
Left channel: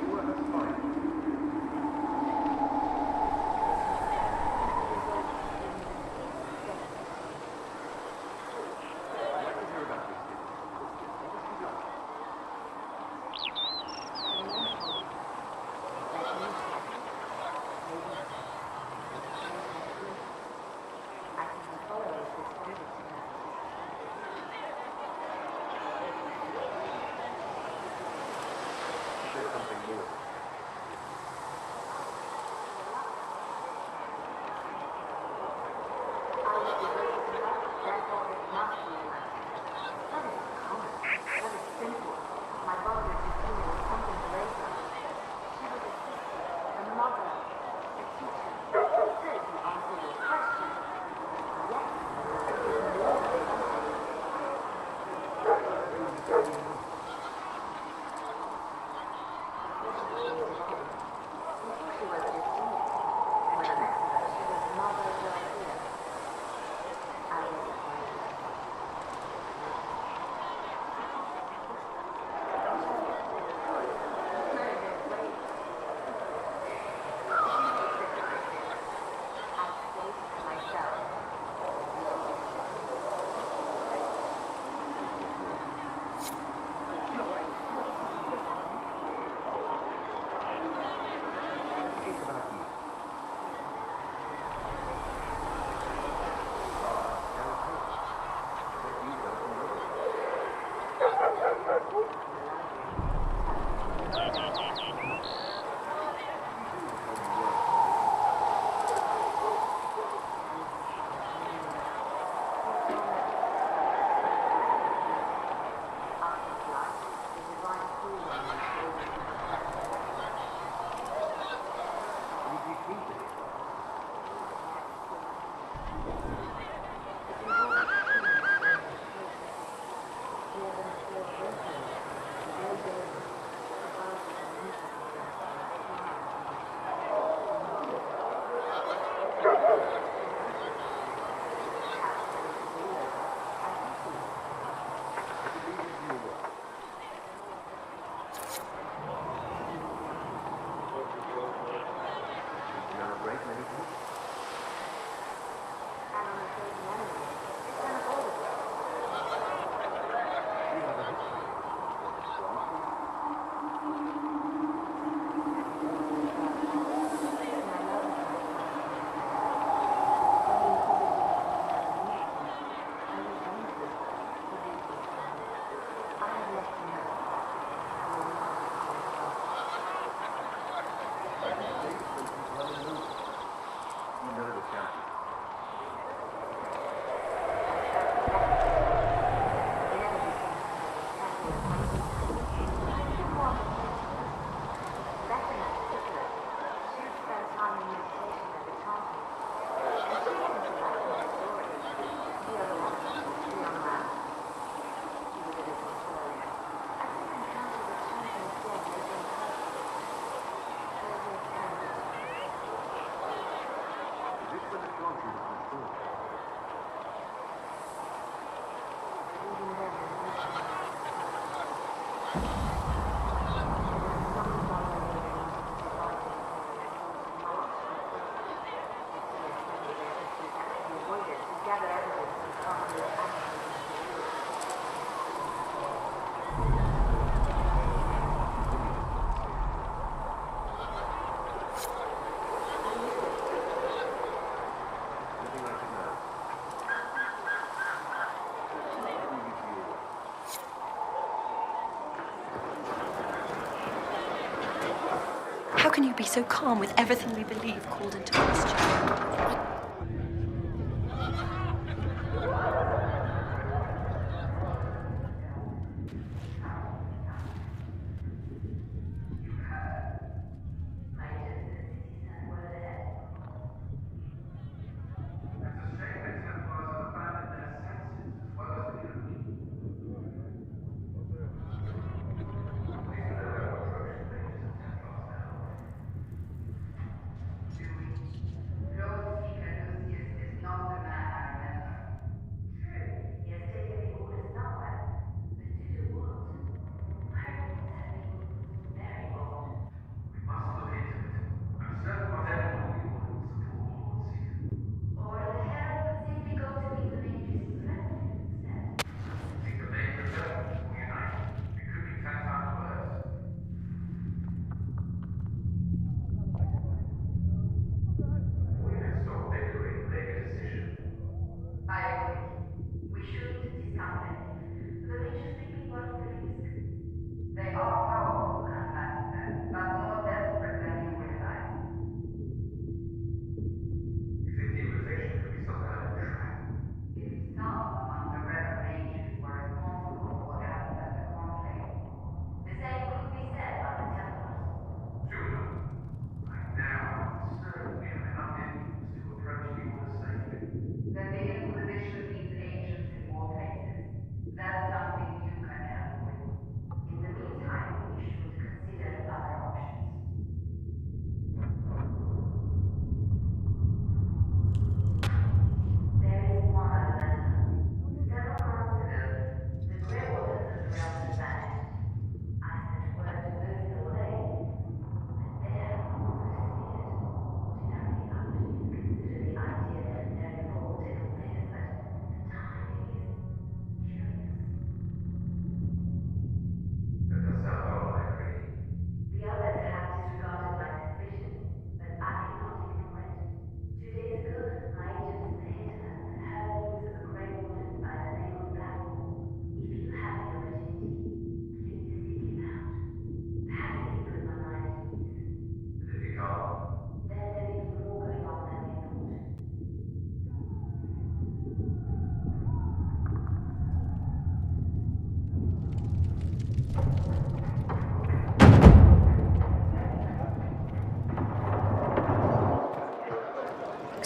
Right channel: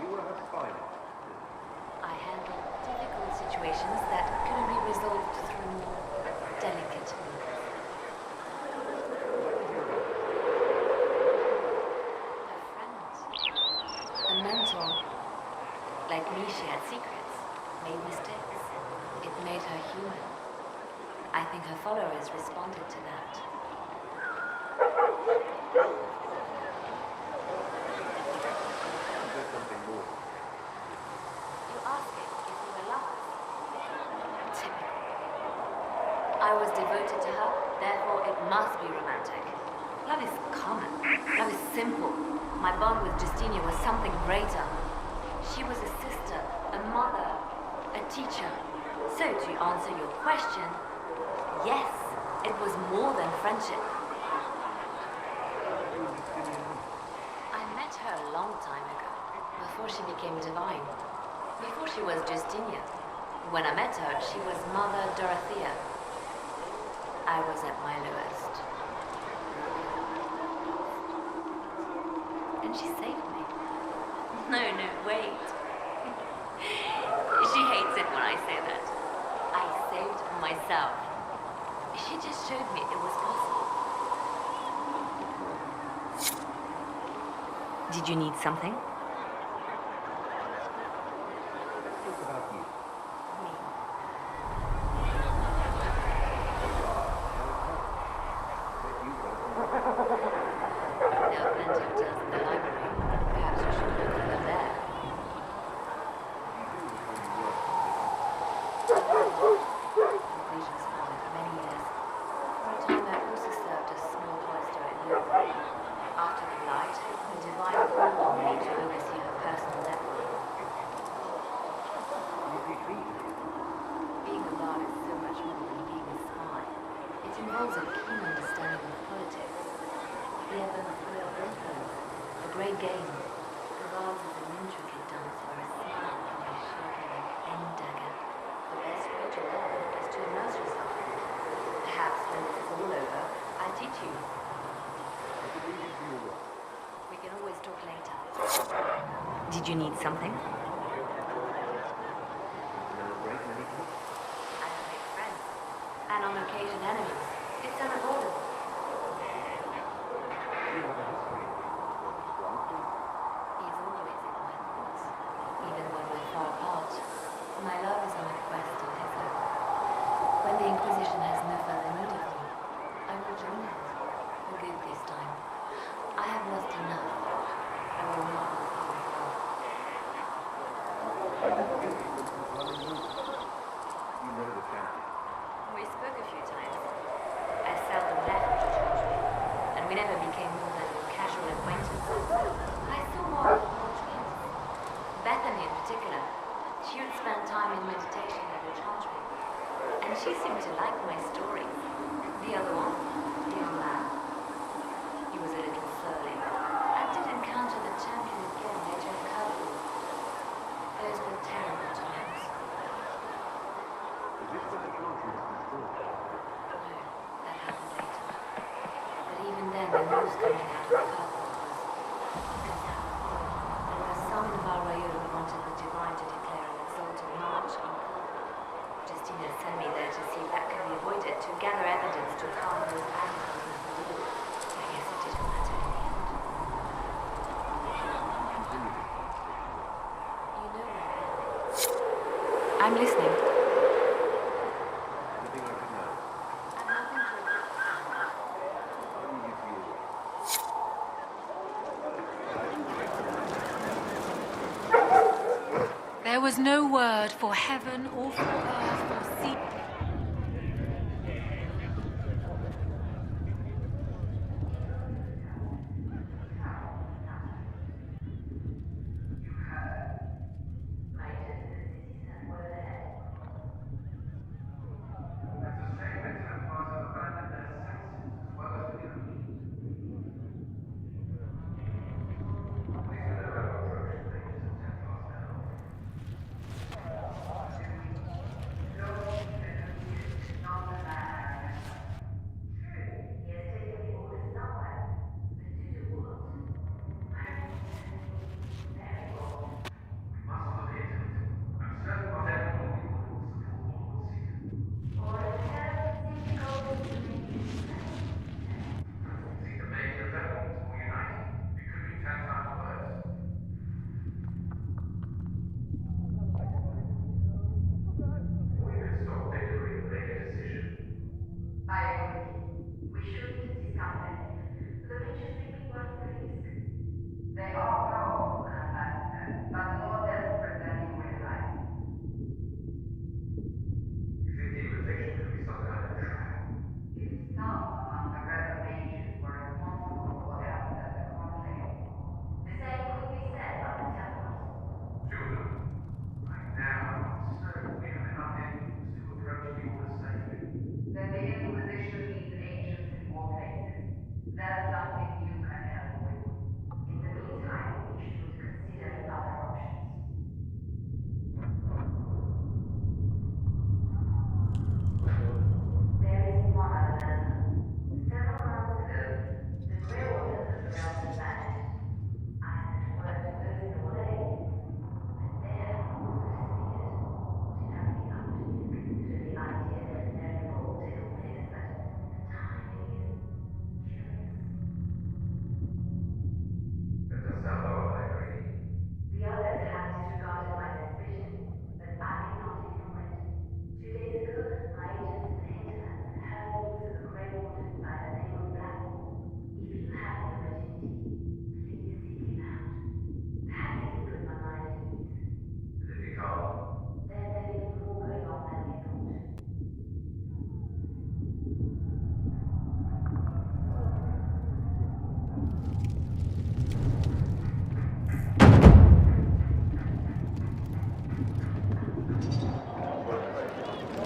You were her spy. I had difficult situations that could be resolved through delicate means. What did you hear about this? A mentor. Like me, she had secrets, made mistakes. It made her human. I think her followers responded to that. She did something more. I was devoted to her, therefore it must be romantic. That is common. That is simple. My bond with Justinia was something greater. She was a sister, a mother, a teacher. So to answer your question, yes, it was more than friendship. I met her a long time ago, before she became divine. Before she was Justinia. When I met her, she was Mother Dorothea. I was at my lowest. Don't she say that? No, wait. She hates it when I say something? Let's talk about you. Did you need something? And on occasion enemies. It's unavoidable. My love is on my quest. When the Inquisition has no further need for me, I will join them. Forgive this time. I have lost enough. I will not You know the champion. We spoke a few times. I seldom met him. And we never became more than casual acquaintances. But I saw more of her teams. Bethany in particular. She would spend time in meditation every country. And she seemed to like my stories. The other one, the young man. He was a little surly. I did encounter the champion again later in life. Those were terrible times. Is this where the Chantry is controlled? But even then, the monster had its purpose. There were some of our regular wanted to divide to declare a result of March on foot. Just to send me there to see if that can be avoided, to gather evidence to calm the agitating for you. Yes, it didn't matter. I'm listening. Anything I could know? Let me give you How can you be so There was calm no with word everything for we heaven believe or important? question.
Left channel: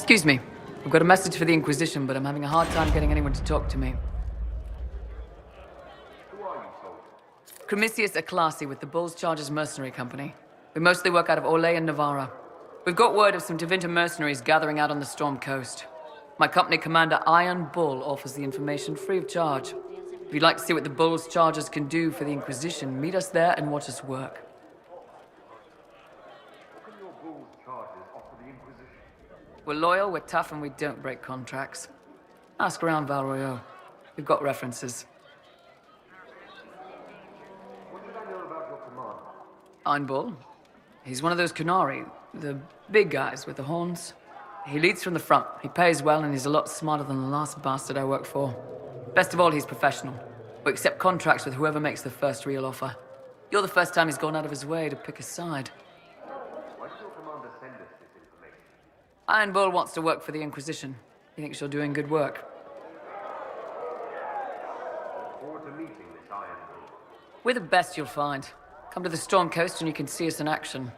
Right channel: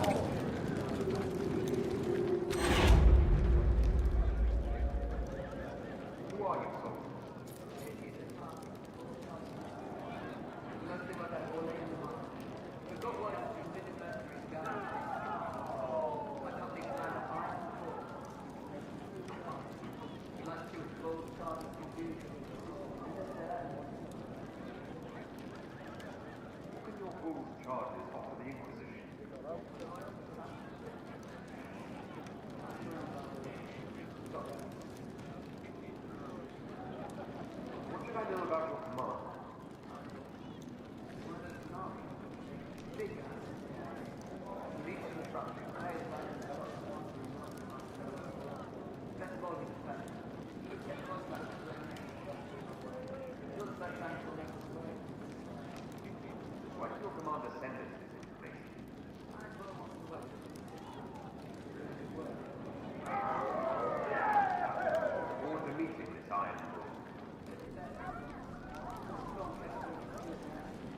Excuse me. I've got a message for the Inquisition, but I'm having a hard time getting anyone to talk to me. Who are you, soldier? Cremisius Aclasi with the Bulls Chargers Mercenary Company. We mostly work out of Orlais and Navarra. We've got word of some Tevinter mercenaries gathering out on the Storm Coast. My company commander, Iron Bull, offers the information free of charge. If you'd like to see what the Bulls Chargers can do for the Inquisition, meet us there and watch us work. What can your Bulls Chargers offer the Inquisition? We're loyal, we're tough, and we don't break contracts. Ask around Val Royeaux. We've got references. What should I know about your commander? Iron Bull. He's one of those Kunari, the big guys with the horns. He leads from the front. He pays well, and he's a lot smarter than the last bastard I worked for. Best of all, he's professional. We accept contracts with whoever makes the first real offer. You're the first time he's gone out of his way to pick a side. Why did your commander send us this information? Iron Bull wants to work for the Inquisition. He thinks you're doing good work. Forward to meeting this Iron Bull. We're the best you'll find. Come to the Storm Coast and you can see us in action.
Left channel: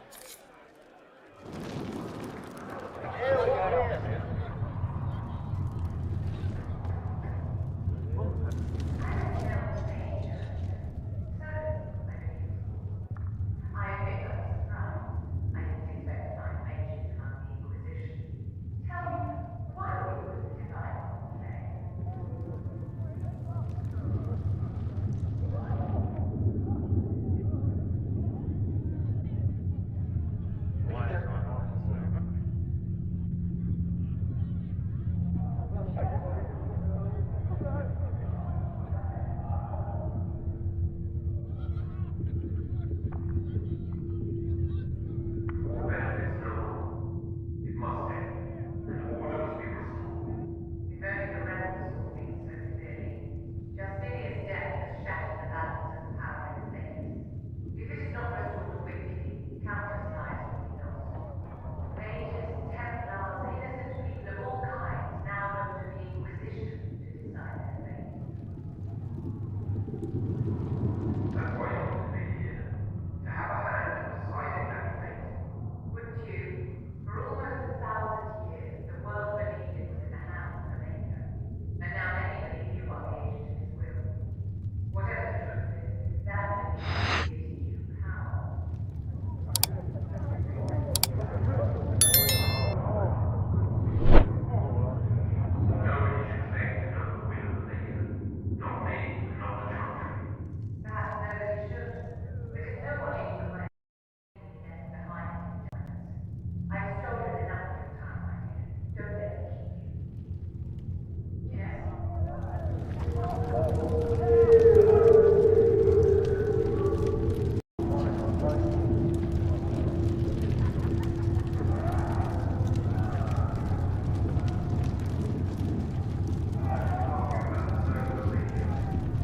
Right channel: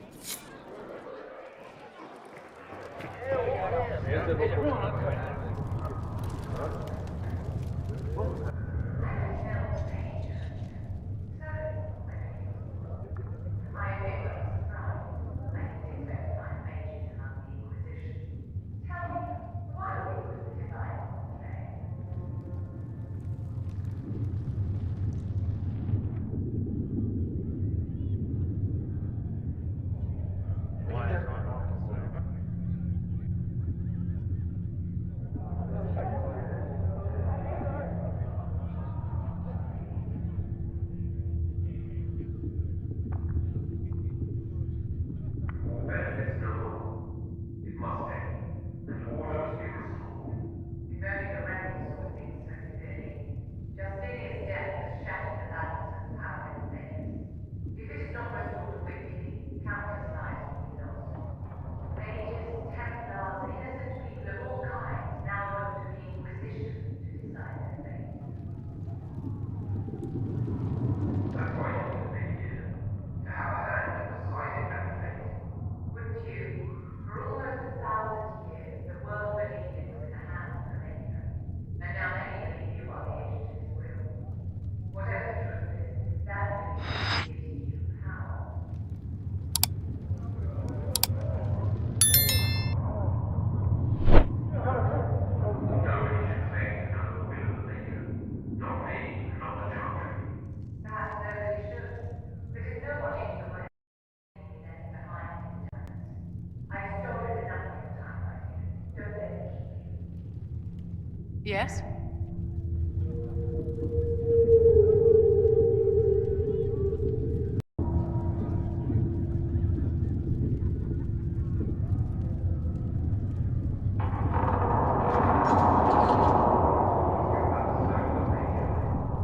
Yes?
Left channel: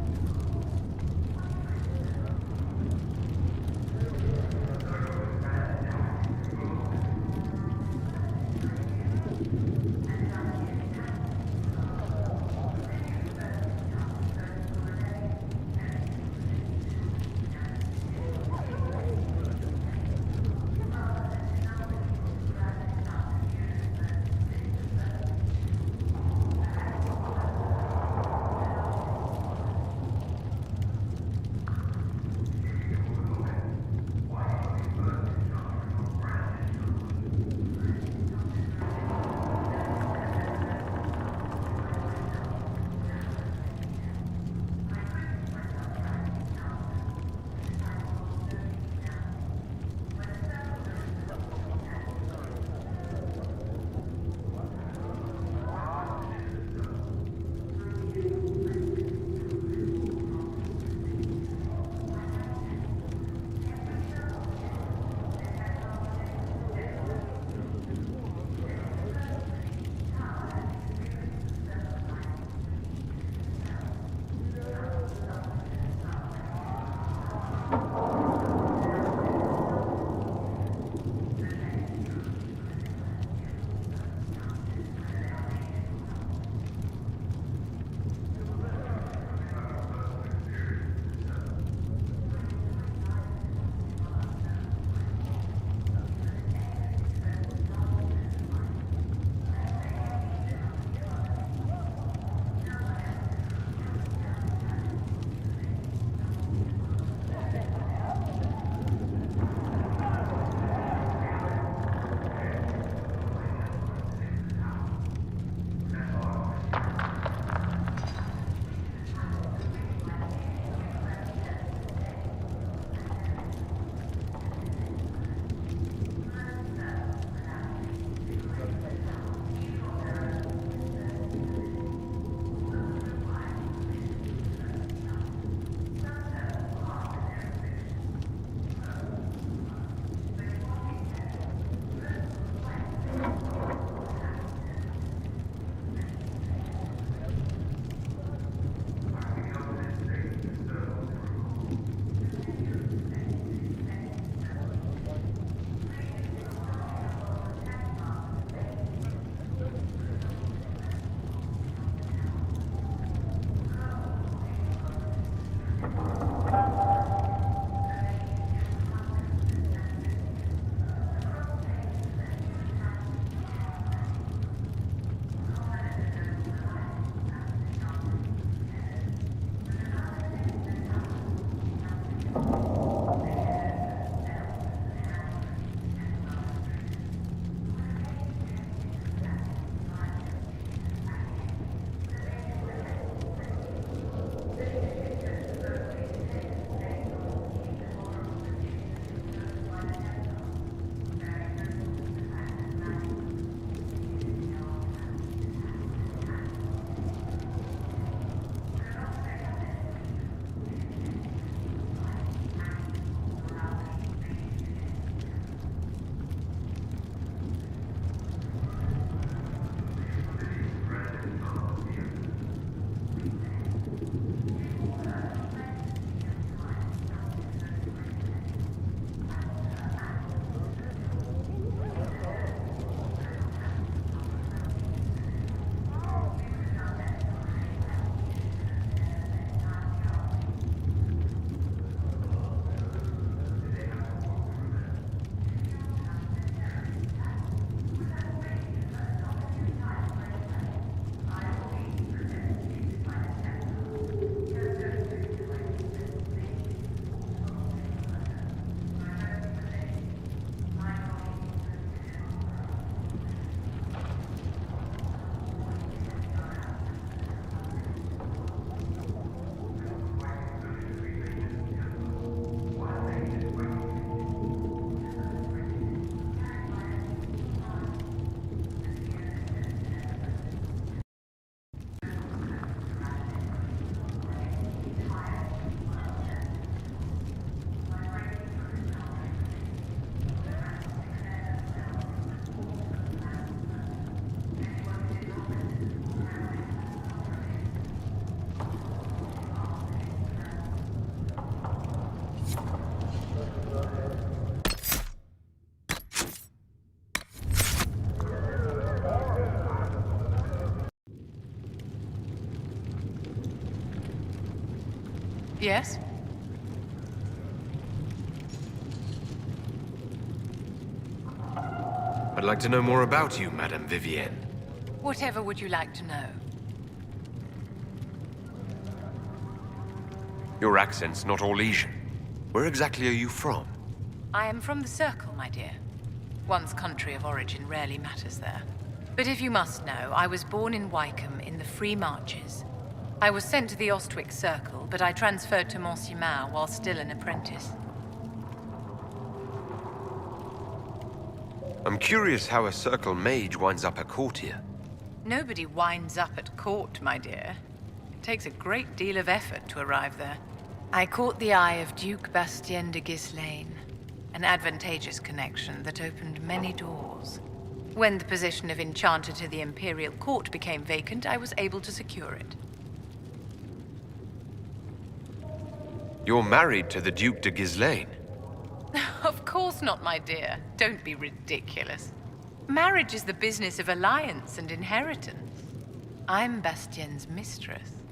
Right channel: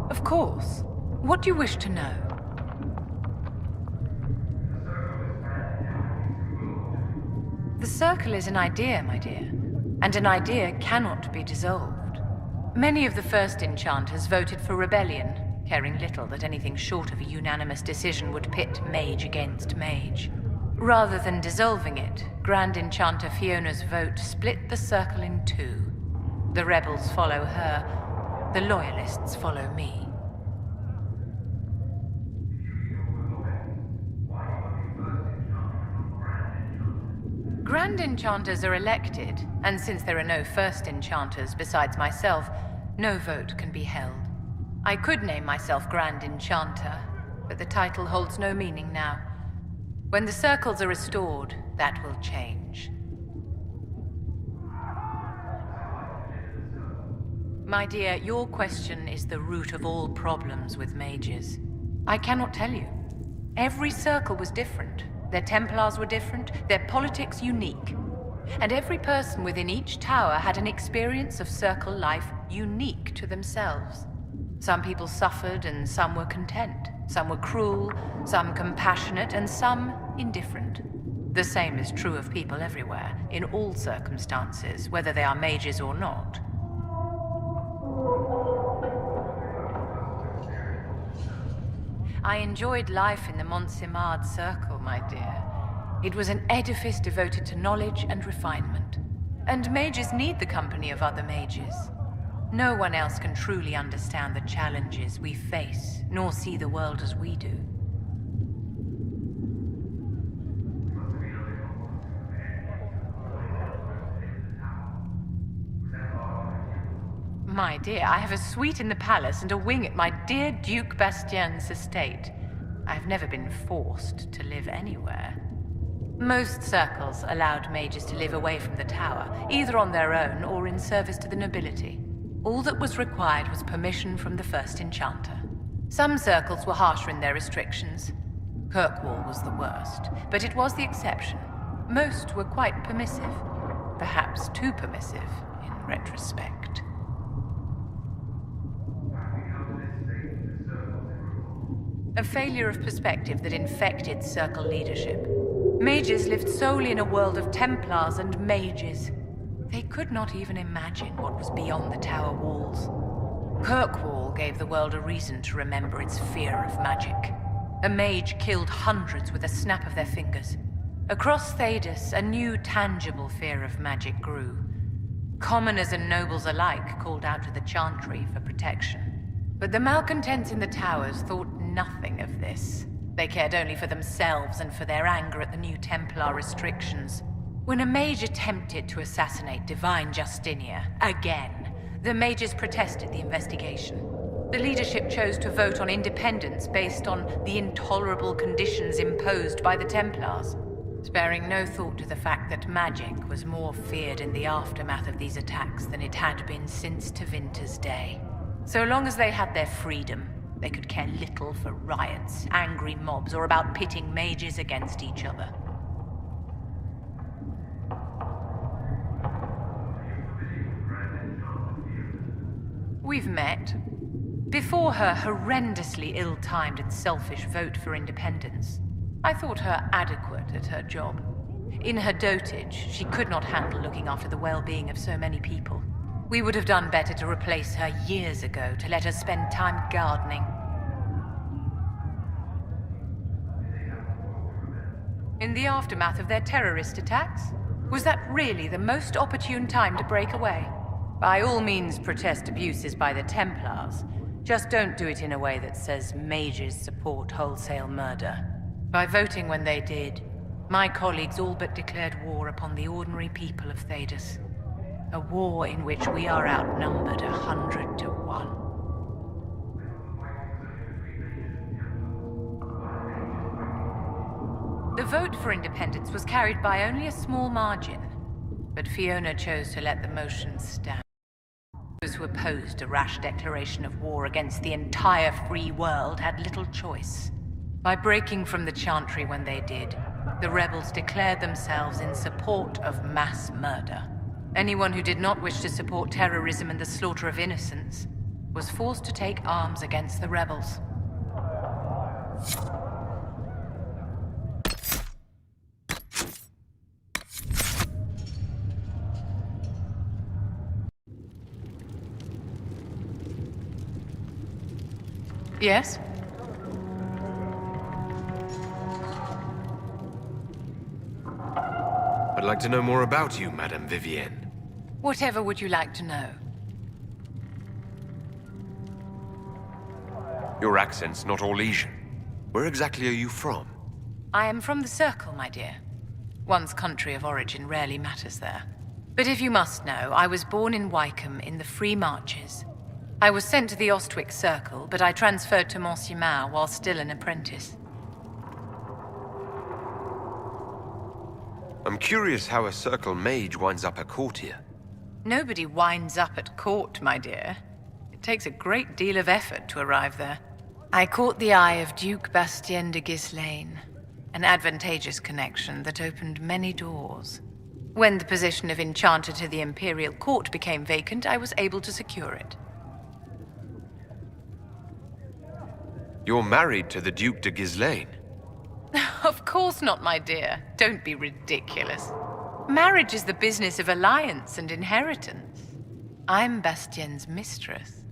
Of course. What do you wish to know? The Circle is an idea, my dear. And an idea cannot be dissolved. Many of the first enchanters voted for rebellion, caring little that anything short of a unanimous decision would pit mage against mage. Rather than dissolving it, Grand Enchanter Fiona's vote split the Circle in two. The rebels follow her, the loyalists follow me. Grand Enchanters are elected, and since there are no first enchanters besides myself, no vote can be held. I could name myself Grand Enchanter, but the title holds no meaning now. When the circles are restored, that will change. My dear, your question is the root of all problems with mages. I cannot tell you. Every circle was different. Their Templars were different, their politics unique. And every person within each tower had an experience of circle life unique to themselves. Some people suffered and some were content. Some were cruel, some compassionate, and some indifferent. The same is true of people everywhere, in all circumstances, whether they are mages or not. I enjoyed life in the Montsimard Circle, my dear. It was an edifice devoted to knowledge and refinement. And mages need the company of other mages. No one else can truly understand the challenges we face, nor see the world as we do. My dear, I have a suite in the palace and a wing at my dear Duke Bastien's estate. I have never been forced to live anywhere. Most circles allowed mages to live away from the tower, either on their own or in service to the nobility. All that was required was permission from the first enchanter. Some circles were harsher in their restrictions. Kirkwall was the worst, but it was the exception. Most were quite permissive, perhaps too permissive in retrospect. A failure of perspective that infected Circle leadership. Mages lived solely in a world of Templars and mages. They could not even imagine what was beyond the tower walls. Kirkwall gave the world a reason to remember its fear of magic. A mage killed hundreds with a snap of their fingers. Across Thedas, a new tangible fear of magic grew. Commoners and nobles alike called out to the Chantry for protection. But the malcontents in the towers thought nothing of this. They cared only for themselves and for their anger at the new Templar restrictions. When a mage attempted to assassinate Divine Justinia, again, the mages protested the investigation. The leadership chose to vote on independence based on the intolerable conditions imposed by the Templars, sparing no thought to the fact that magic was more feared in the aftermath of these attacks than it had been since Tevinter's day. So long as they had their freedom, they could care little for riots, angry mobs, or about pitting mages against each other. We've met. Before her horrendously ill-timed and selfish vote for independence, I thought her adequate at her job. In her dotage, she could not handle looking after the well-being of so many people. We would have done better to replace her years ago, to let her spend time gardening. In the aftermath of their terrorist attacks, was that really the most opportune time to break away? By all means, protest abuses by the Templars. Just don't do it in a way that says mages support wholesale murder. By voting when they did, my colleagues all but declared war upon the ordinary people of Thedas. A war in which we are outnumbered 100 to 1. The vote for independence was carried by only a small margin, but Fiona chose to let the motion stand. Those who opposed a rash declaration of war against the entire free world had little choice. By breaking from the Chantry when they did, the rebels declared themselves in support of mass murder. Anyone who did not wish to support terrorism and the slaughter of innocents was forced to take arms against the rebels. Yes? I'd like to know more about you, Madame Vivienne. Whatever would you like to know? Your accent's not Orlesian. Where exactly are you from? I am from the Circle, my dear. One's country of origin rarely matters there. But if you must know, I was born in Wycombe in the Free Marches. I was sent to the Ostwick Circle, but I transferred to Monsignor while still an apprentice. I'm curious how a Circle mage winds up a courtier. Nobody winds up at court, my dear. It takes a great deal of effort to arrive there. I caught the eye of Duke Bastien de Ghislaine, an advantageous connection that opened many doors. When the position of Enchanter to the Imperial Court became vacant, I was able to secure it. You're married to the Duke de Ghislaine? Of course not, my dear. Don't be ridiculous. Marriage is the business of alliance and inheritance. I'm Bastien's mistress.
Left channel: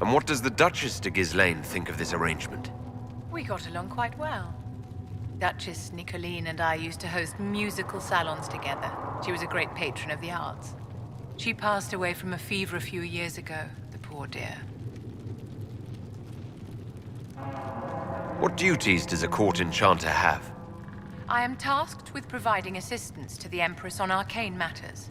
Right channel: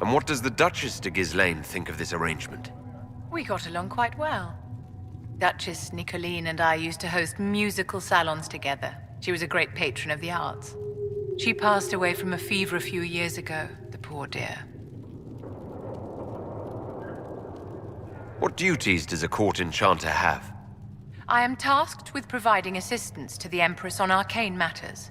And what does the Duchess de Ghislaine think of this arrangement? We got along quite well. Duchess Nicolene and I used to host musical salons together. She was a great patron of the arts. She passed away from a fever a few years ago, the poor dear. What duties does a court enchanter have? I am tasked with providing assistance to the Empress on arcane matters.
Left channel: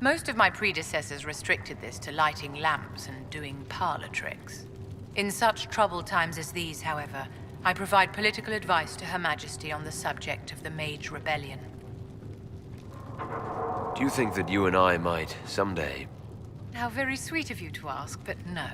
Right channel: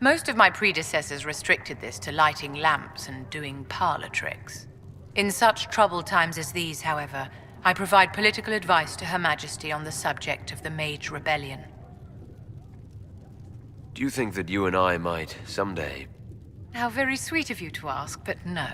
Most of my predecessors restricted this to lighting lamps and doing parlor tricks. In such troubled times as these, however, I provide political advice to Her Majesty on the subject of the Mage Rebellion. Do you think that you and I might, someday... How very sweet of you to ask, but no.